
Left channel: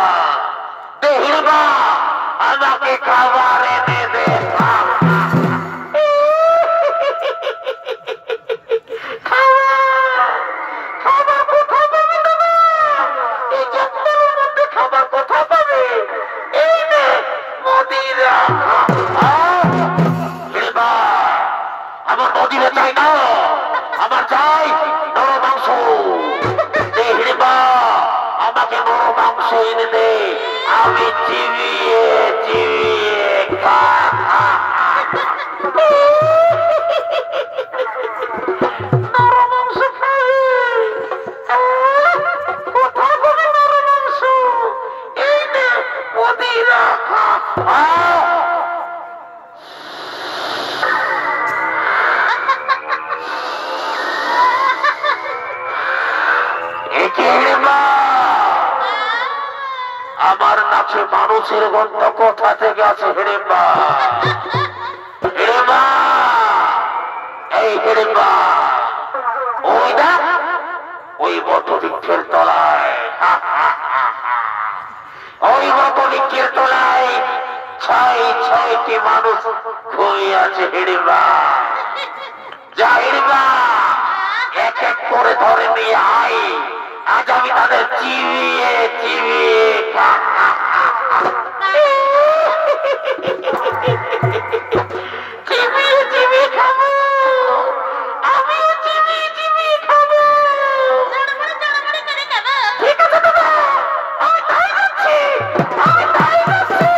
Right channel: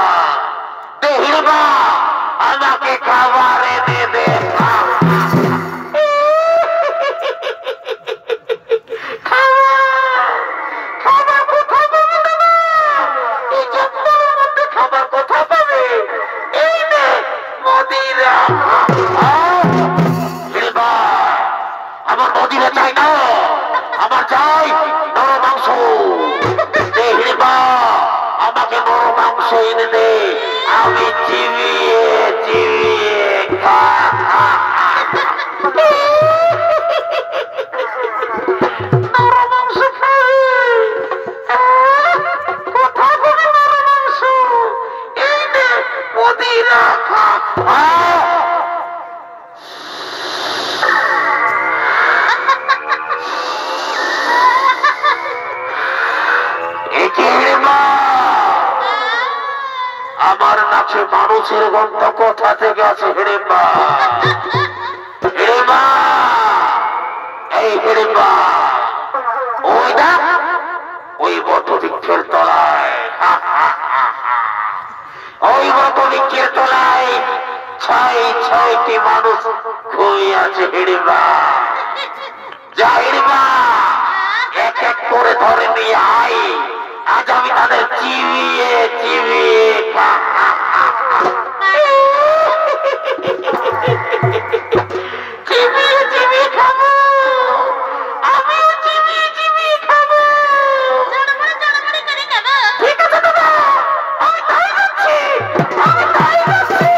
দে হিড়িম্বা আমাকে খাবার এনে দে। খাবার কোথায় পাবে? এই নে মদিরা। আমার মদিরা চাই না, আমার চাই নরম মাংস। আমাকে নরম মাংস এনে দে, আমি চিবিয়ে চিবিয়ে নরম মাংস খাই। কোথায় পাবি নরম মাংস? এই নে মদিরা খা। আমার কাছে মানুষের গন্ধ কোথা থেকে আছে? হিড়িম্বা, হিড়িম্বা, এই হিড়িম্বা, ওই না ওই বটবৃক্ষের তলায়, ওই বটবৃক্ষের তলায় 6টি মানুষ শুয়ে আছে। হিড়িম্বা, যা হিড়িম্বা এক এক করে ধরে নিয়ে আয়, আজ আমি তাদের চিবিয়ে চিবিয়ে চিবিয়ে চিবিয়ে খাবো। আমিও চিবিয়ে চিবিয়ে খাবো। ঠিক আছে দাদা, আমি তাই যাচ্ছি, আমি তাই যাচ্ছি।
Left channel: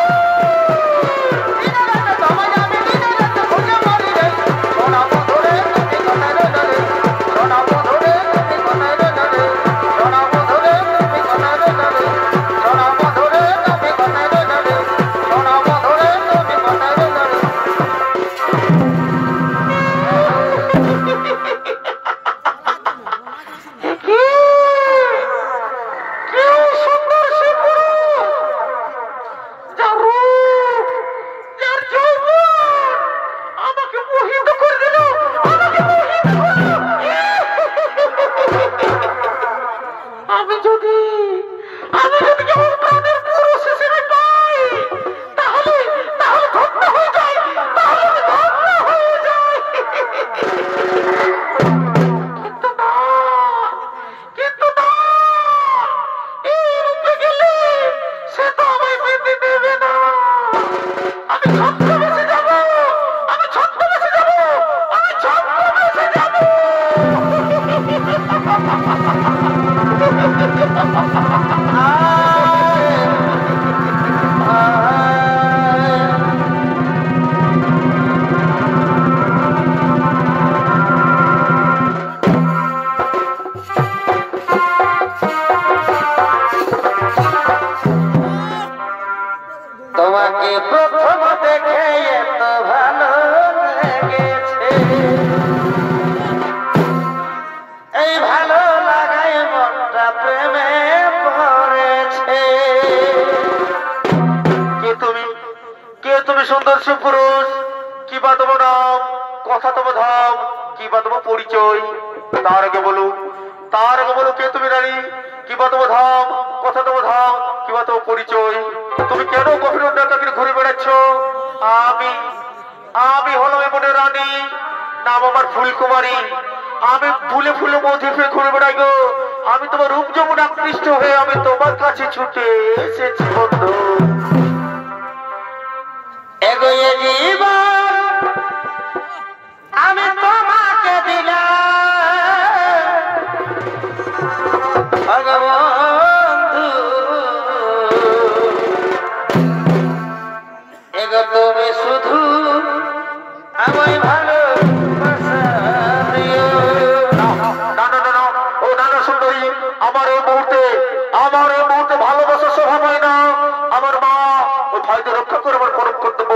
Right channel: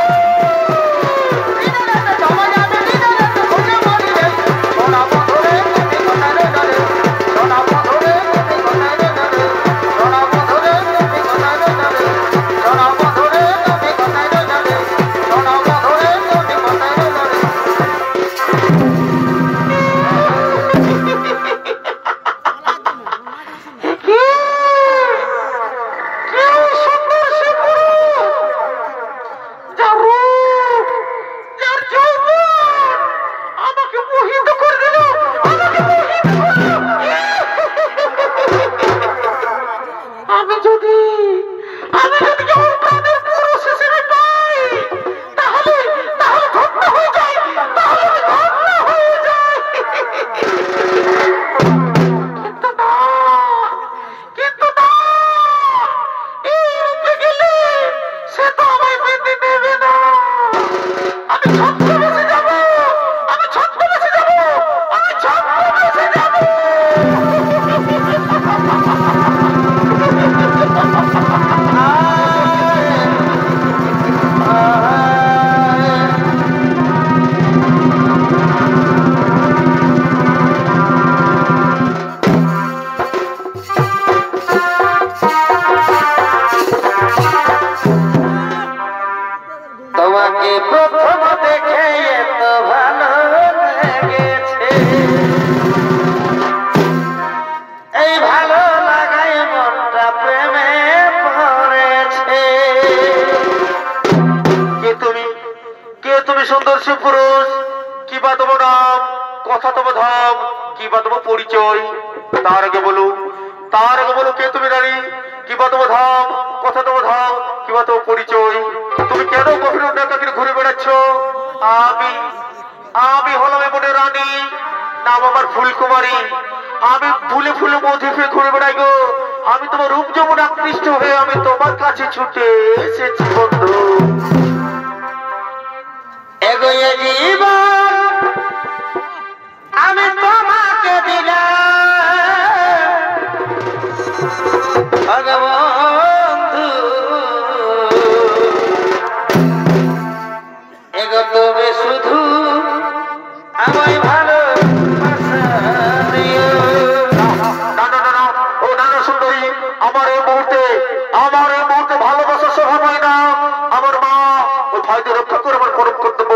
তোমাকে প্রথম দেখে এত ভালো লেগেছে, এই ভালো লাগায় মনটা প্রেমে পড়েছে। কে তুমি সুন্দর সুপুরুষ? কি বা তোমার নাম, কথা তোমার ধাম, কি বা তোমার পরিচয়? তার আগে বলো কে তুমি রানী? কি বা তোমার ধাম, কথা তোমার ধাম, কি বা তোমার পরিচয়? তুমি কেন গভীর ডাকাকে ঘুরে বেড়াচ্ছ? আমি হলাম এমন রানী, নাম আমার ফুলকুমারী। আমি ফুলে ফুলে মধুফে ঘুরে বেড়াই গো। আমি তোমার রূপ যেমন আকৃষ্ট হয়ে আমি তোমার কাছে ছুটে এসেছি বন্ধু। এগোয়ে জীবন আমি তোমাকে দিলাম বন্ধু, এগো তুমি শুধু আমায় ভালো সুন্দরী। আমার এই মুহূর্তে ভালোবাসার স্বভাব হয় না। আমার মা ওই ভাইদের রক্ষা করে আমার পরম কর্তব্য।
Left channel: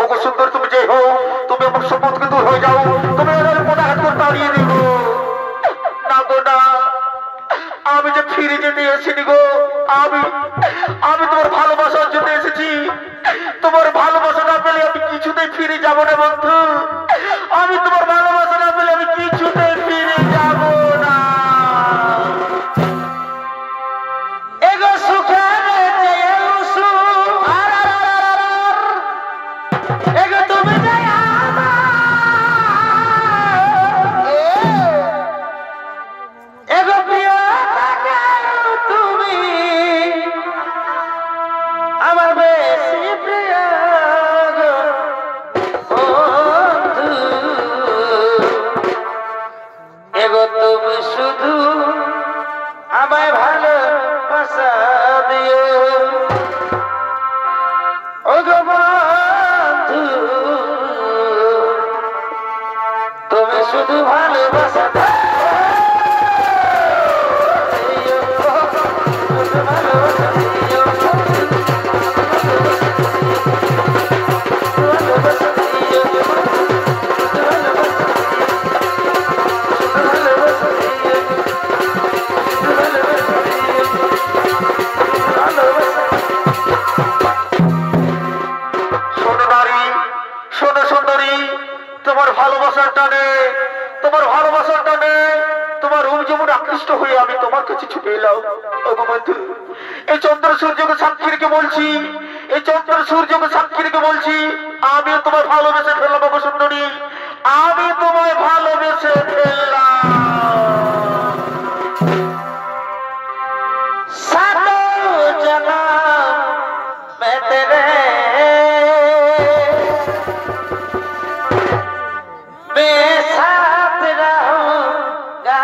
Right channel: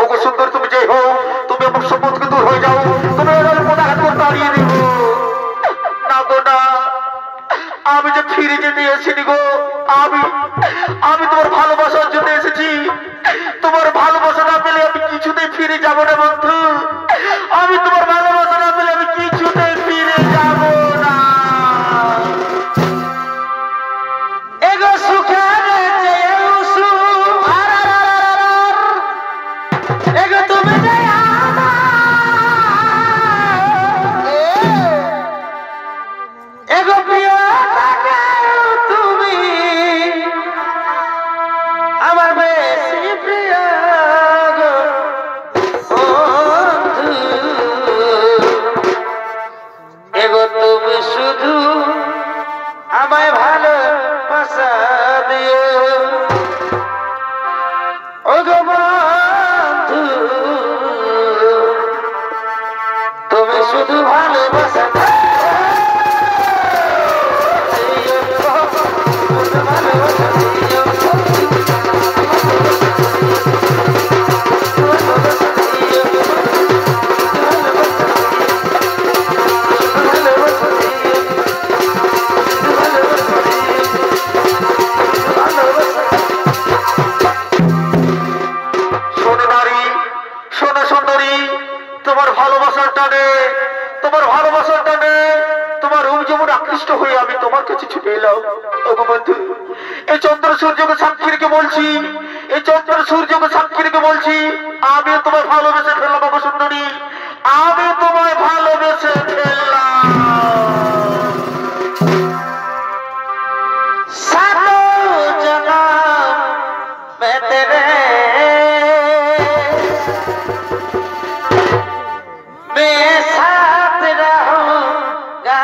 ওগো সুন্দর, তুমি যে হও, তুমি আমার সম্পদকে দূর হয়ে যাও, তুমি এর কোথায় তাড়িয়ে দিব না গো না। আমি যে ফিরে যেতে এসেছি গো, আমি তোমার ভালোবাসার জন্য এসেছি। তোমার ভালোবাসা না পেলে আমি কিছুতেই ফিরে যাব না বন্ধু। আমি তোমার ভালোবাসা না পেলে আমি কিছুতেই ফিরে যাব না। এগো তুমি শুধু আমায় ভালোবাসা দিও ও গো বন্ধু তুমি শুধু ভালোবাসা তোমার ভালোবাসার টানে তোমার রূপ যেমন আকৃষ্ট হয়ে আমি তোমার কাছে ছুটে এলাম। ওগো বন্ধু, এই চন্দ্র সূর্যকে সাক্ষী রেখে বলছি, আমি তোমায় ভালোবেসে ফেললাম। ওগো সুন্দরী, আমি তোমায় ভালোবেসে ফেললাম। सातो जन्म मैं तेरे मैं साथ रहूंगा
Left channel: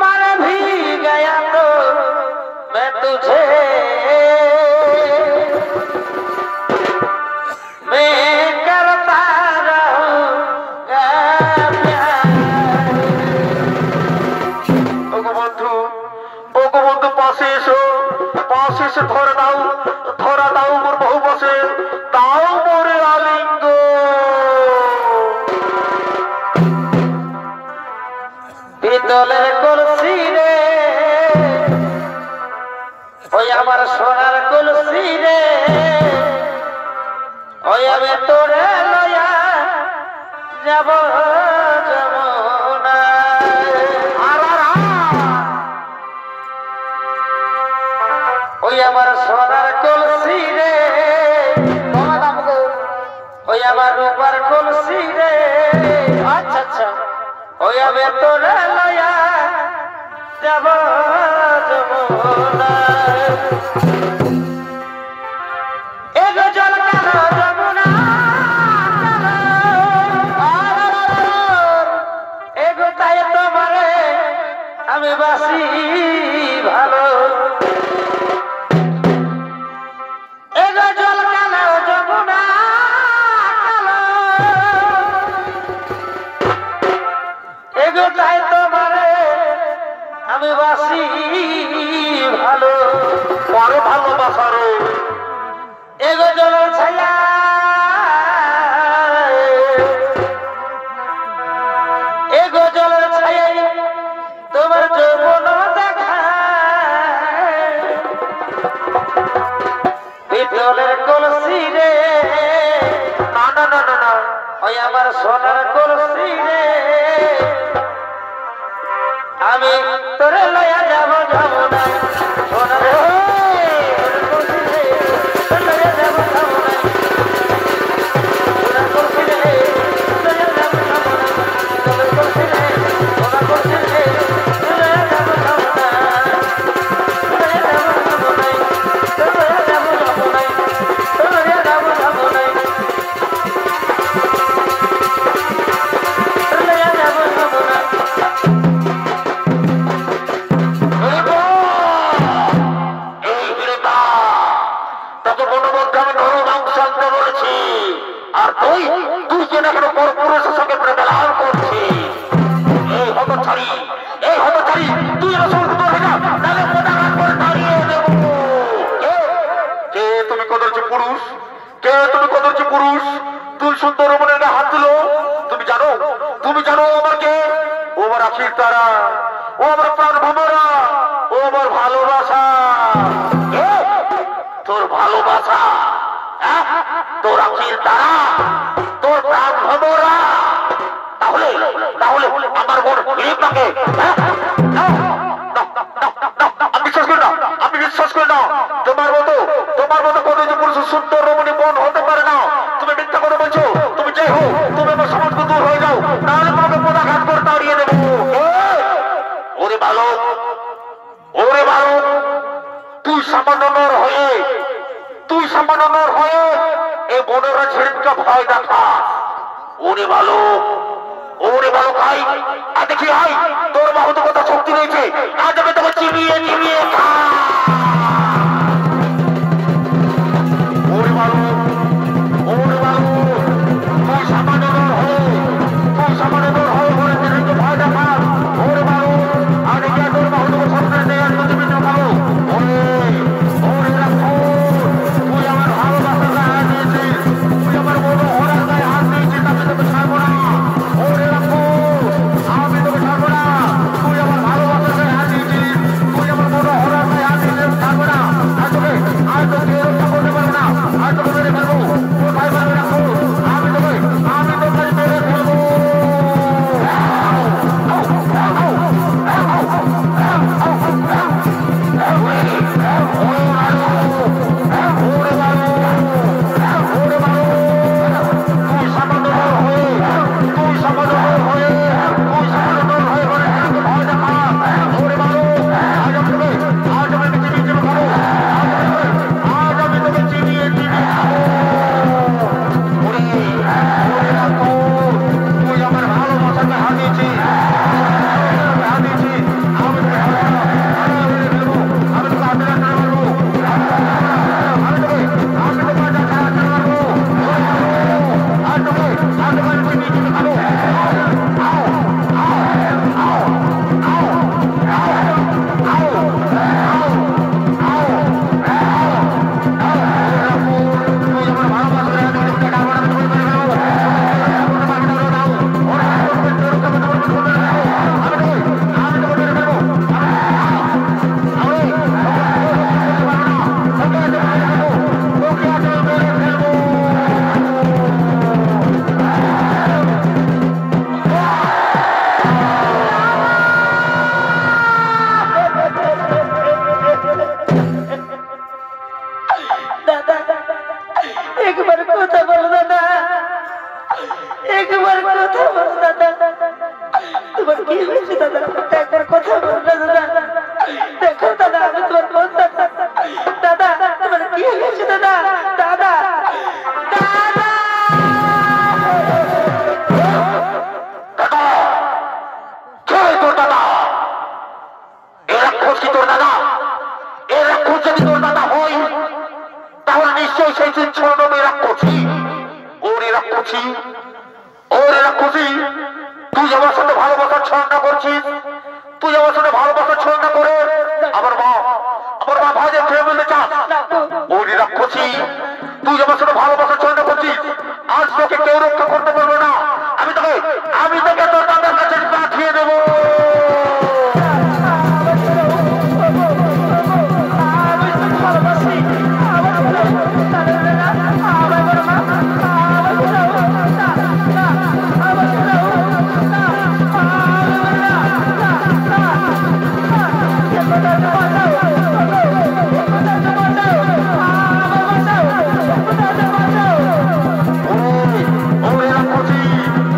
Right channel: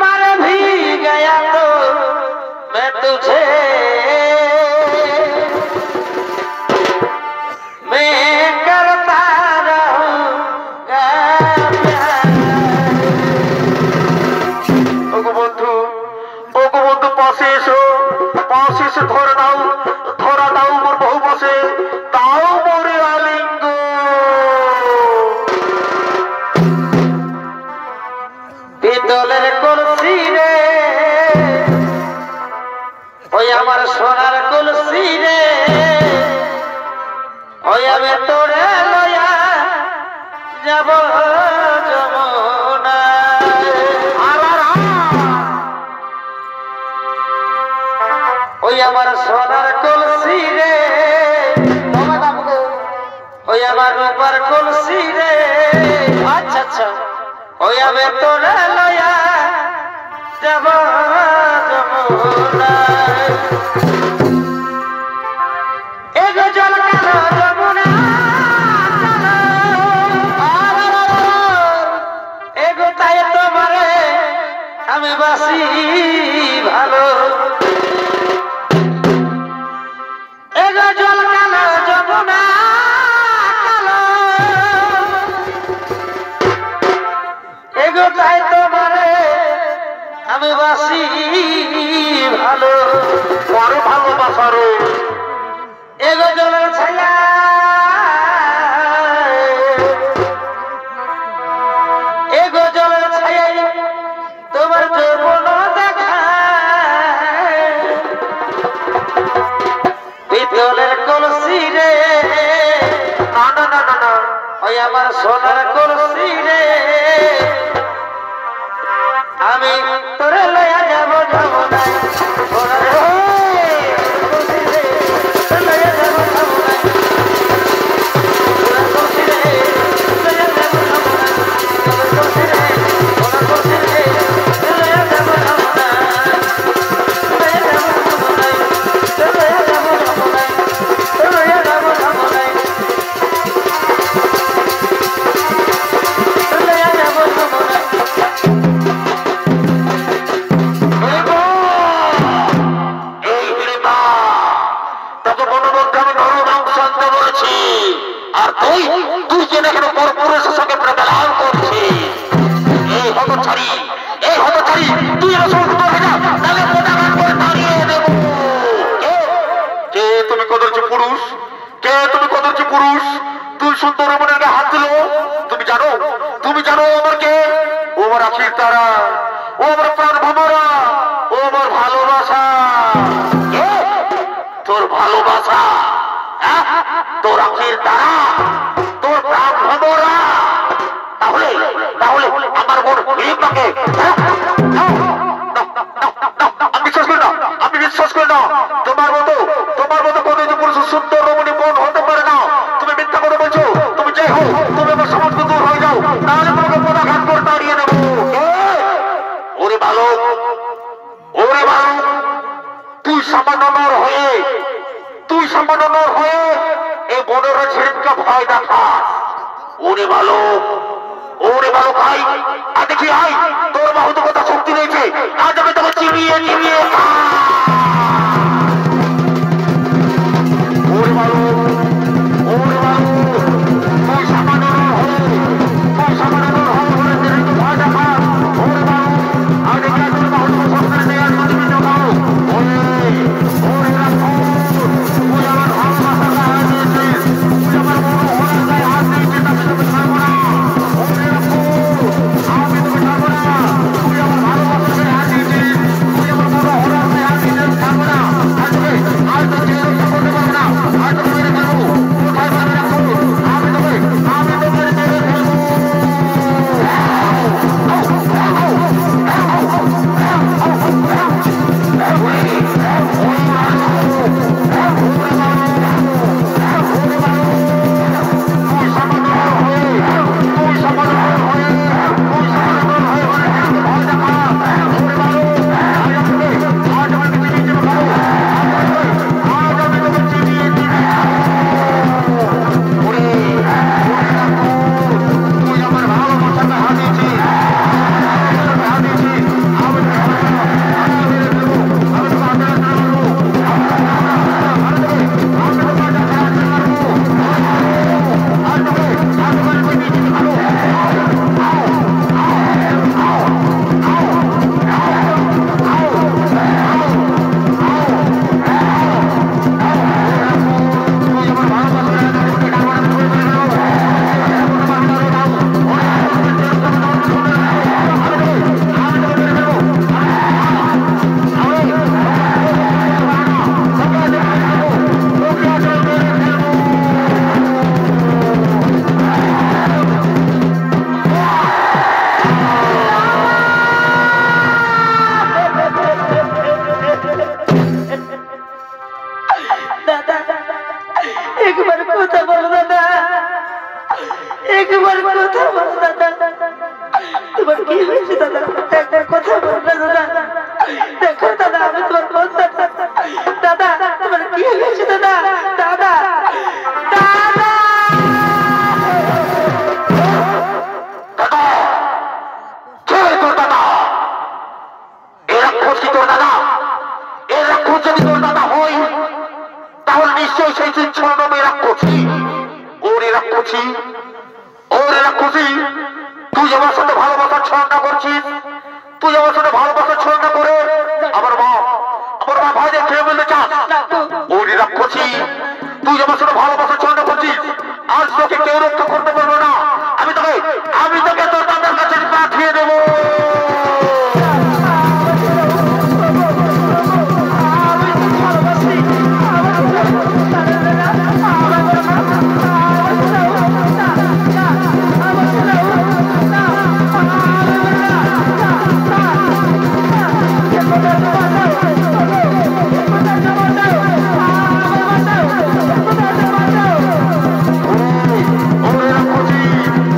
मर भी गया तो मैं तुझे मैं करता रहूंगा प्यार। ওগো বন্ধু, পাশে এসো ধরা দাও মোর বহু পাশে, তাও মোরে আলিঙ্গ। পিতলের কলসি রে ওই আমার সোনার কলসি রে ওই আমি তোরে লয়া যাব ওই আমার সোনার কলসি রে ওই আমার রূপার কলসি রে আচ্ছা আচ্ছা ওই আমি তোরে লয়া যাব যমুনা এগো জল কালো যমুনা এগো তাই তোমারে আমি বাসি ভালো এগো জল কালো যমুনা কালো এগো তাই তোমারে আমি বাসি ভালো পরে ভালোবাসারও এগো জলের ছায়া এগো জলের ছায়াই তোমার যৌবন দেখা পিতলের কলসি রে না ওই আমার সোনার কলসি রে আমি তোরে লয়া যাব যমুনা সোনার কলসি রে লয়া যাব যমুনা সোনার কলসি রে লয়া যাব যমুনা সোনার কলসি রে লয়া যাব যমুনা লয়া যাব যমুনা লয়া যাব যমুনা লয়া যাব যমুনা লয়া যাব যমুনা আর তুই যেন এখনো পরপুরুষের সঙ্গে প্রদান করছি। এই হতছাড়ি তুই কে তুমি কদর্জি পুরুষ তুই সুন্দর মনে হাত দিল। তুমি জানো আমার কে? ও আমার আখির তারা, ও আমার প্রাণ ভ্রমরা, ও আমার ভালোবাসা। তোর ভালোবাসা, তোর আখির তারা, তোর প্রাণ ভ্রমরা। তাহলে আমার মন প্রেমটাকে আমি বিশ্বাস করি না। তোমার মতো কতজন পুরুষ সুন্দর রমণী মন হতে পারে না। তুমি মিথ্যা করে বলছো। তুমি যে হো, তুমি আমার সমাজ দূর হয়ে যাও, তাহলে তোমাকে পদাঘাত করে তাড়িয়ে দেবো। ওরে বালক, তুই সামান্য নর হয়ে এই বনরা ঝিড়িমকে ভয় দেখা। ওই ওরে বালক, ওরে বালক আই, আর দেখি আই, তোর বাহুতে কত শক্তি রয়েছে, আজ আমি তোকে চিবিয়ে চিবিয়ে ওরে বালক, ওরে বালক, তুই সামান্য হয়ে, তুই সামান্য হয়ে ওরে দিনে তো ভয় দেখা, ওরে বালক, আর দেখি তোর বাহুতে শক্তি নেই, আর যদি বিন্দু খাবো, ওরে, ওরে রাখো, তুই আমার ভালোবাসার গায়ে হাত দিয়েছিস, তুই আমার মনোহরার গায়ে হাত দিয়েছিস, আমি তোকে ছাড়বো না, ওরে রাখো, আমি তোকে ছাড়বো না, তুই আমার ভালোবাসার গায়ে হাত দিয়েছিস, তুই আমার মনোহরার গায়ে হাত দিয়েছিস, ছাড়বো না, আর তোকে যে রক্ষা করতে পারবো না, আর তোকে মেরে ফেলবো, কোথায় পারবে রাখো, আমি তোকে মেরে ফেলবো।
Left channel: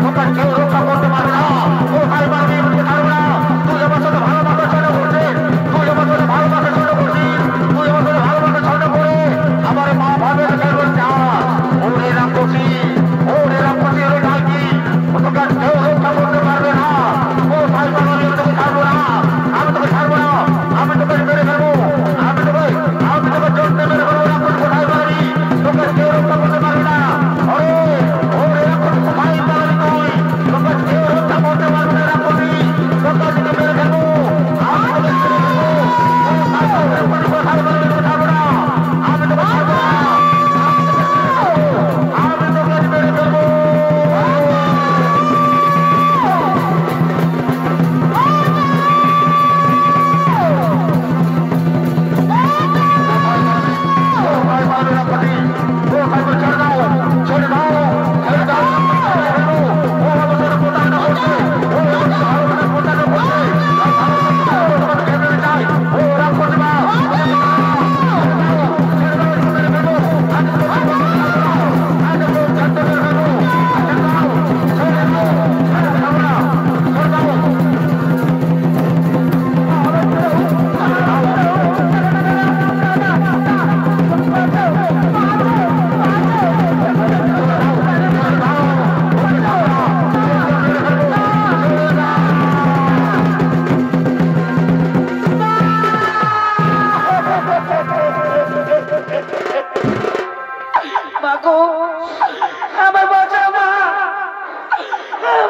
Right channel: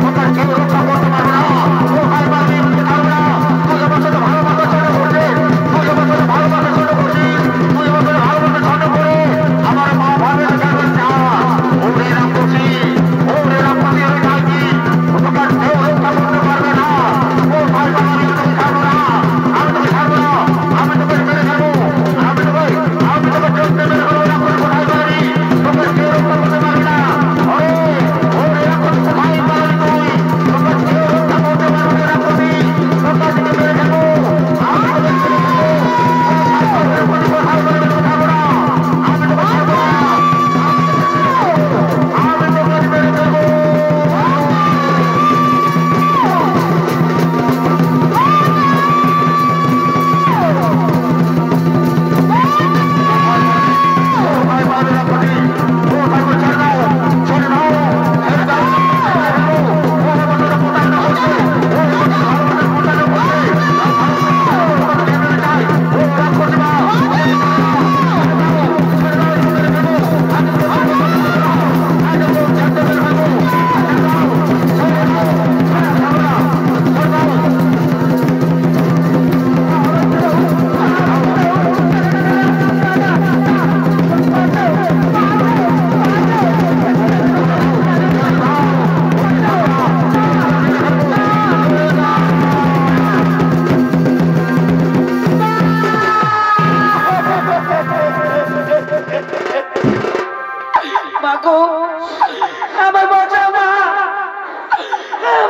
Oke,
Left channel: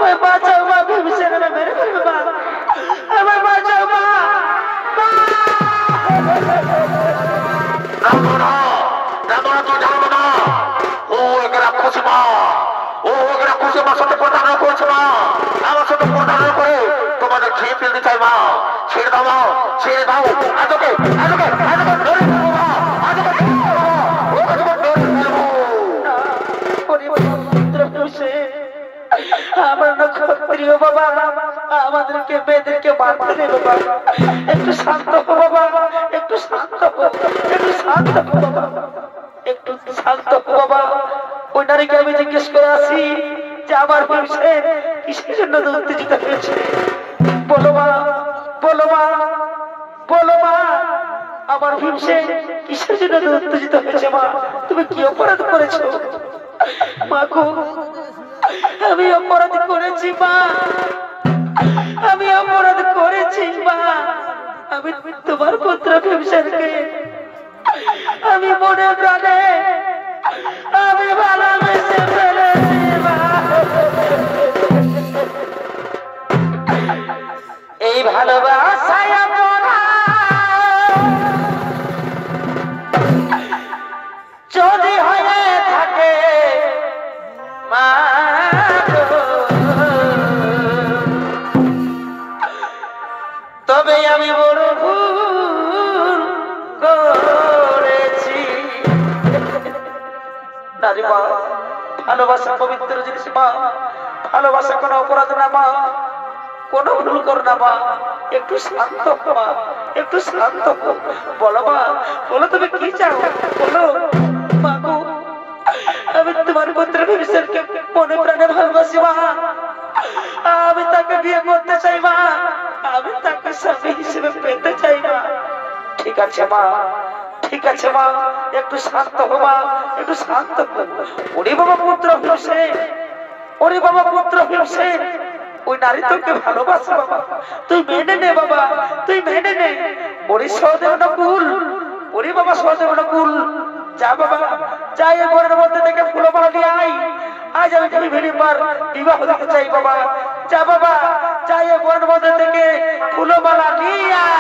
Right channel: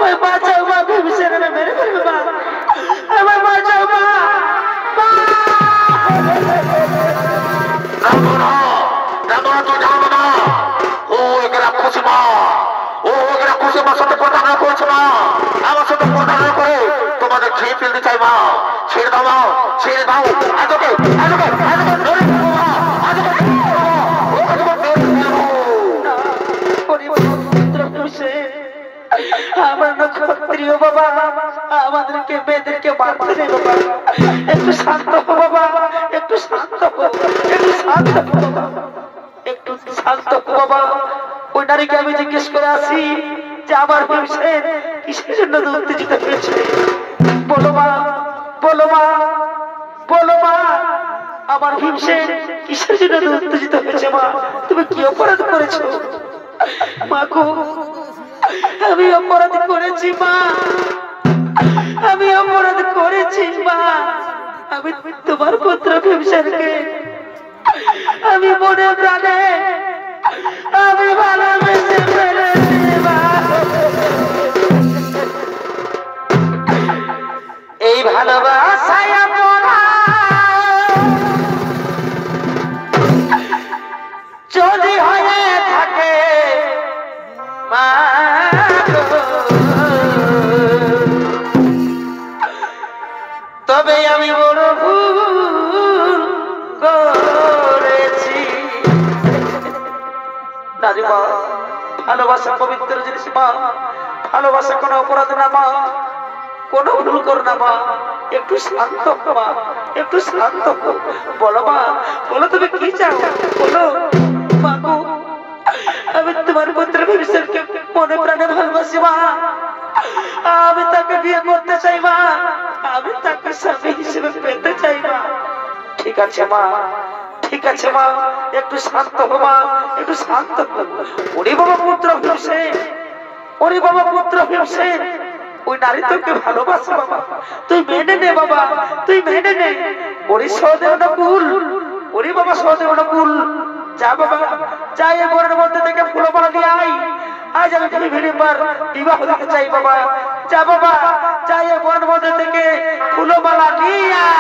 আমায় বাঁচাও মা, ভীমসেনরা মেরে ফেলবে মা, আমায় বাঁচাও মা। ও এক রাক্ষসী মা, ও এক রাক্ষসী মার সাথে প্রতারণা করেছে মা, আমার সাথে প্রতারণা করে তোমাদের খেয়ে ফেলতে চাই মা। ছেড়ে দাও মা, ছেড়ে দাও। আজকে আমার নক্ষত্রীয় বাবা, আমাদেরকে মেয়েদেরকে মারতে নেই বাবা, একটু শান্ত হো বাবা, একটু শান্ত হো, একটু শান্ত হো বাবা, একটু শান্ত হো বাবা। ওই নারীকে আমি জিজ্ঞেস করে আসি যে আমার ভীমসেন কিসের জন্য উত্তেজিত হয়েছে। বলো মা, বলো মা, বলো মা, আমার ভীমসেন কিসের জন্য উত্তেজিত হয়েছে মা? তুমি কি অপরাধ করেছো মা গো? আমি অপরাধ করেছি মা, আমি অপরাধ করেছি মা। আমি তোমার পুত্র ভীমসেনকে আমি মনে প্রাণে আমি ভালোবেসে ফেলেছি মা। এই ভালোবাসায় যদি হয়ে থাকে মা, তবে আমি বড় ভুল করেছি। দাদিমা, ভালোবাসা পবিত্র জিনিস মা, ভালোবাসা কোনো অপরাধ না মা, কোনো ভুল কর না মা। একটু শান্ত হো মা, একটু শান্ত হো। বলো মা, বলো তুমি কি চাও বলো মা গো। আমি তোমার পুত্র ভীমসেনকে মনে প্রাণে ভালোবাসি মা, আমি তাকে বিয়ে করতে চাই মা, আমি তাকে স্বামী হিসেবে পেতে চাই মা। ঠিক আছে মা, ঠিক আছে মা, একটু শান্ত হো মা, একটু শান্ত হো। ওরে বাবা পুত্র ভীমসেন, ওরে বাবা পুত্র ভীমসেন, ওই নারী তোকে ভালোবাসে বাবা, তুই মেনে নে বাবা, তুই মেনে নে। ওরে সহদেব নকুল, ওরে বাবা সহদেব নকুল, যা বাবা, যা এই বনের মধ্যে থেকে ফুলমালা নিয়ে আয়। আজ আমি ভিড়িবার বিবাহ দিতে চাই বাবা, যা বাবা, যা এই বনের মধ্যে থেকে ফুলমালা নিয়ে আয়।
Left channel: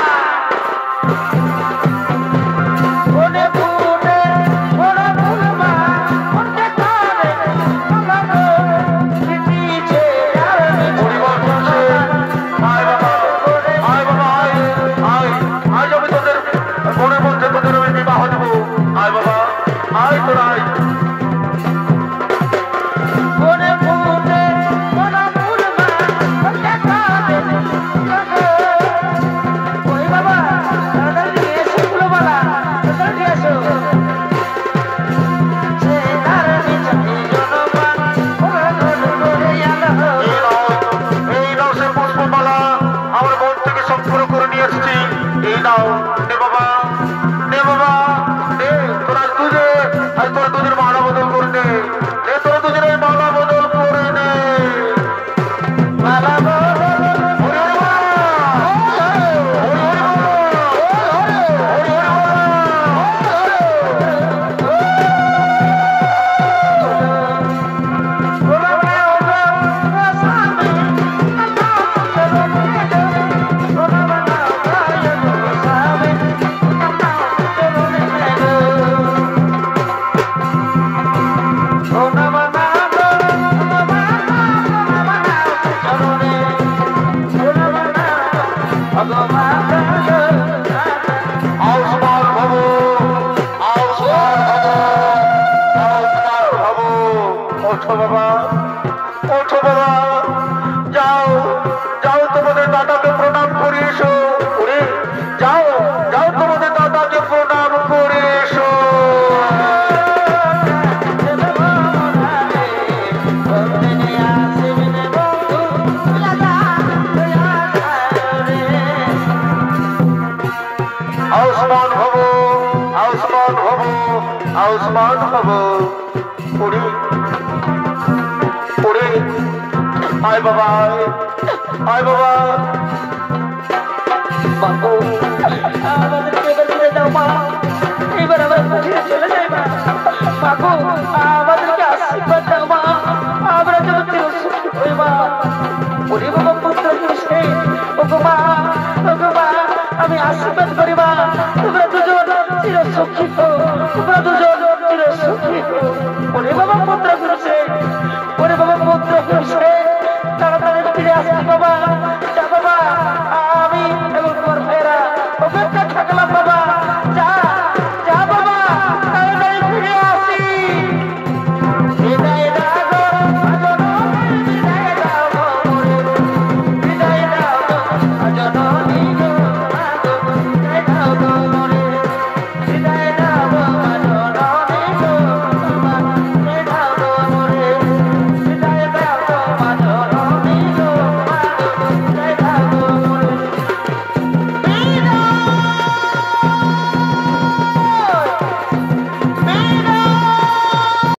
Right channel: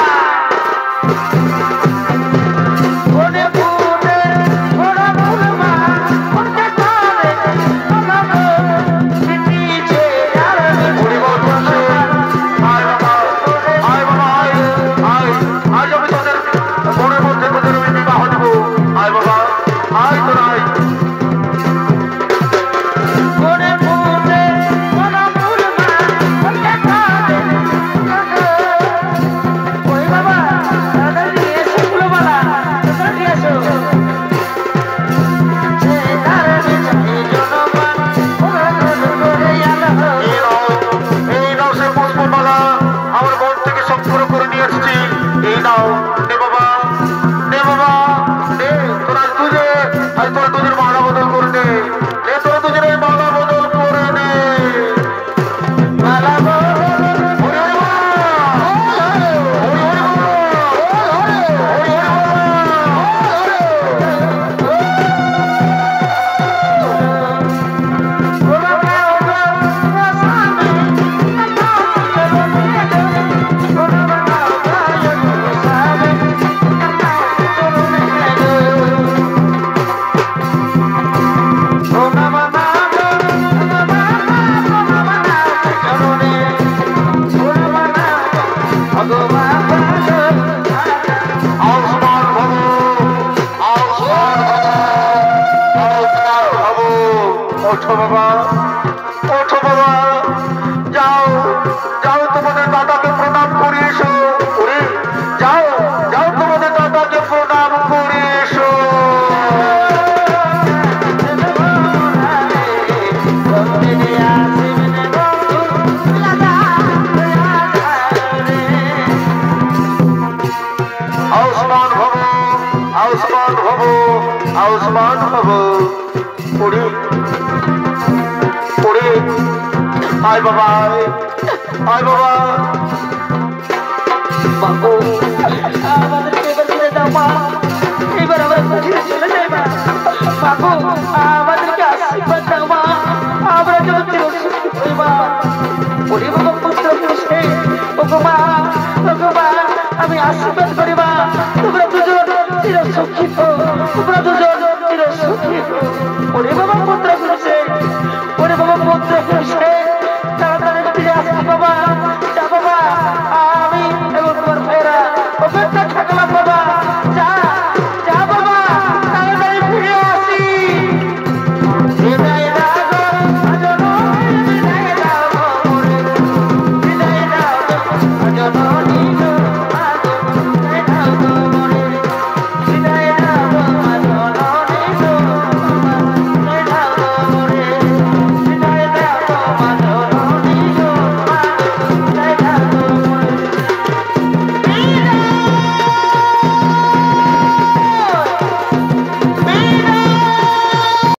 आयुष्मान भव उड़ी उड़ी आय बाबा आय बाबा बाबू আমাদেরকে এবার ছেড়ে দাও মা, এবার আমরা কোথায় চলে যাই মা। বাবু আমাদেরকে আশীর্বাদ দাও মা, আমরা যেন চিরসুখী হই মা। ওরে বাবা পুত্র পুষে ওগমা আমি আশীর্বাদ করিবা তোমরা দুজন চির সুখী হো তোমরা দুজন চির সুখী হো ওরে বাবা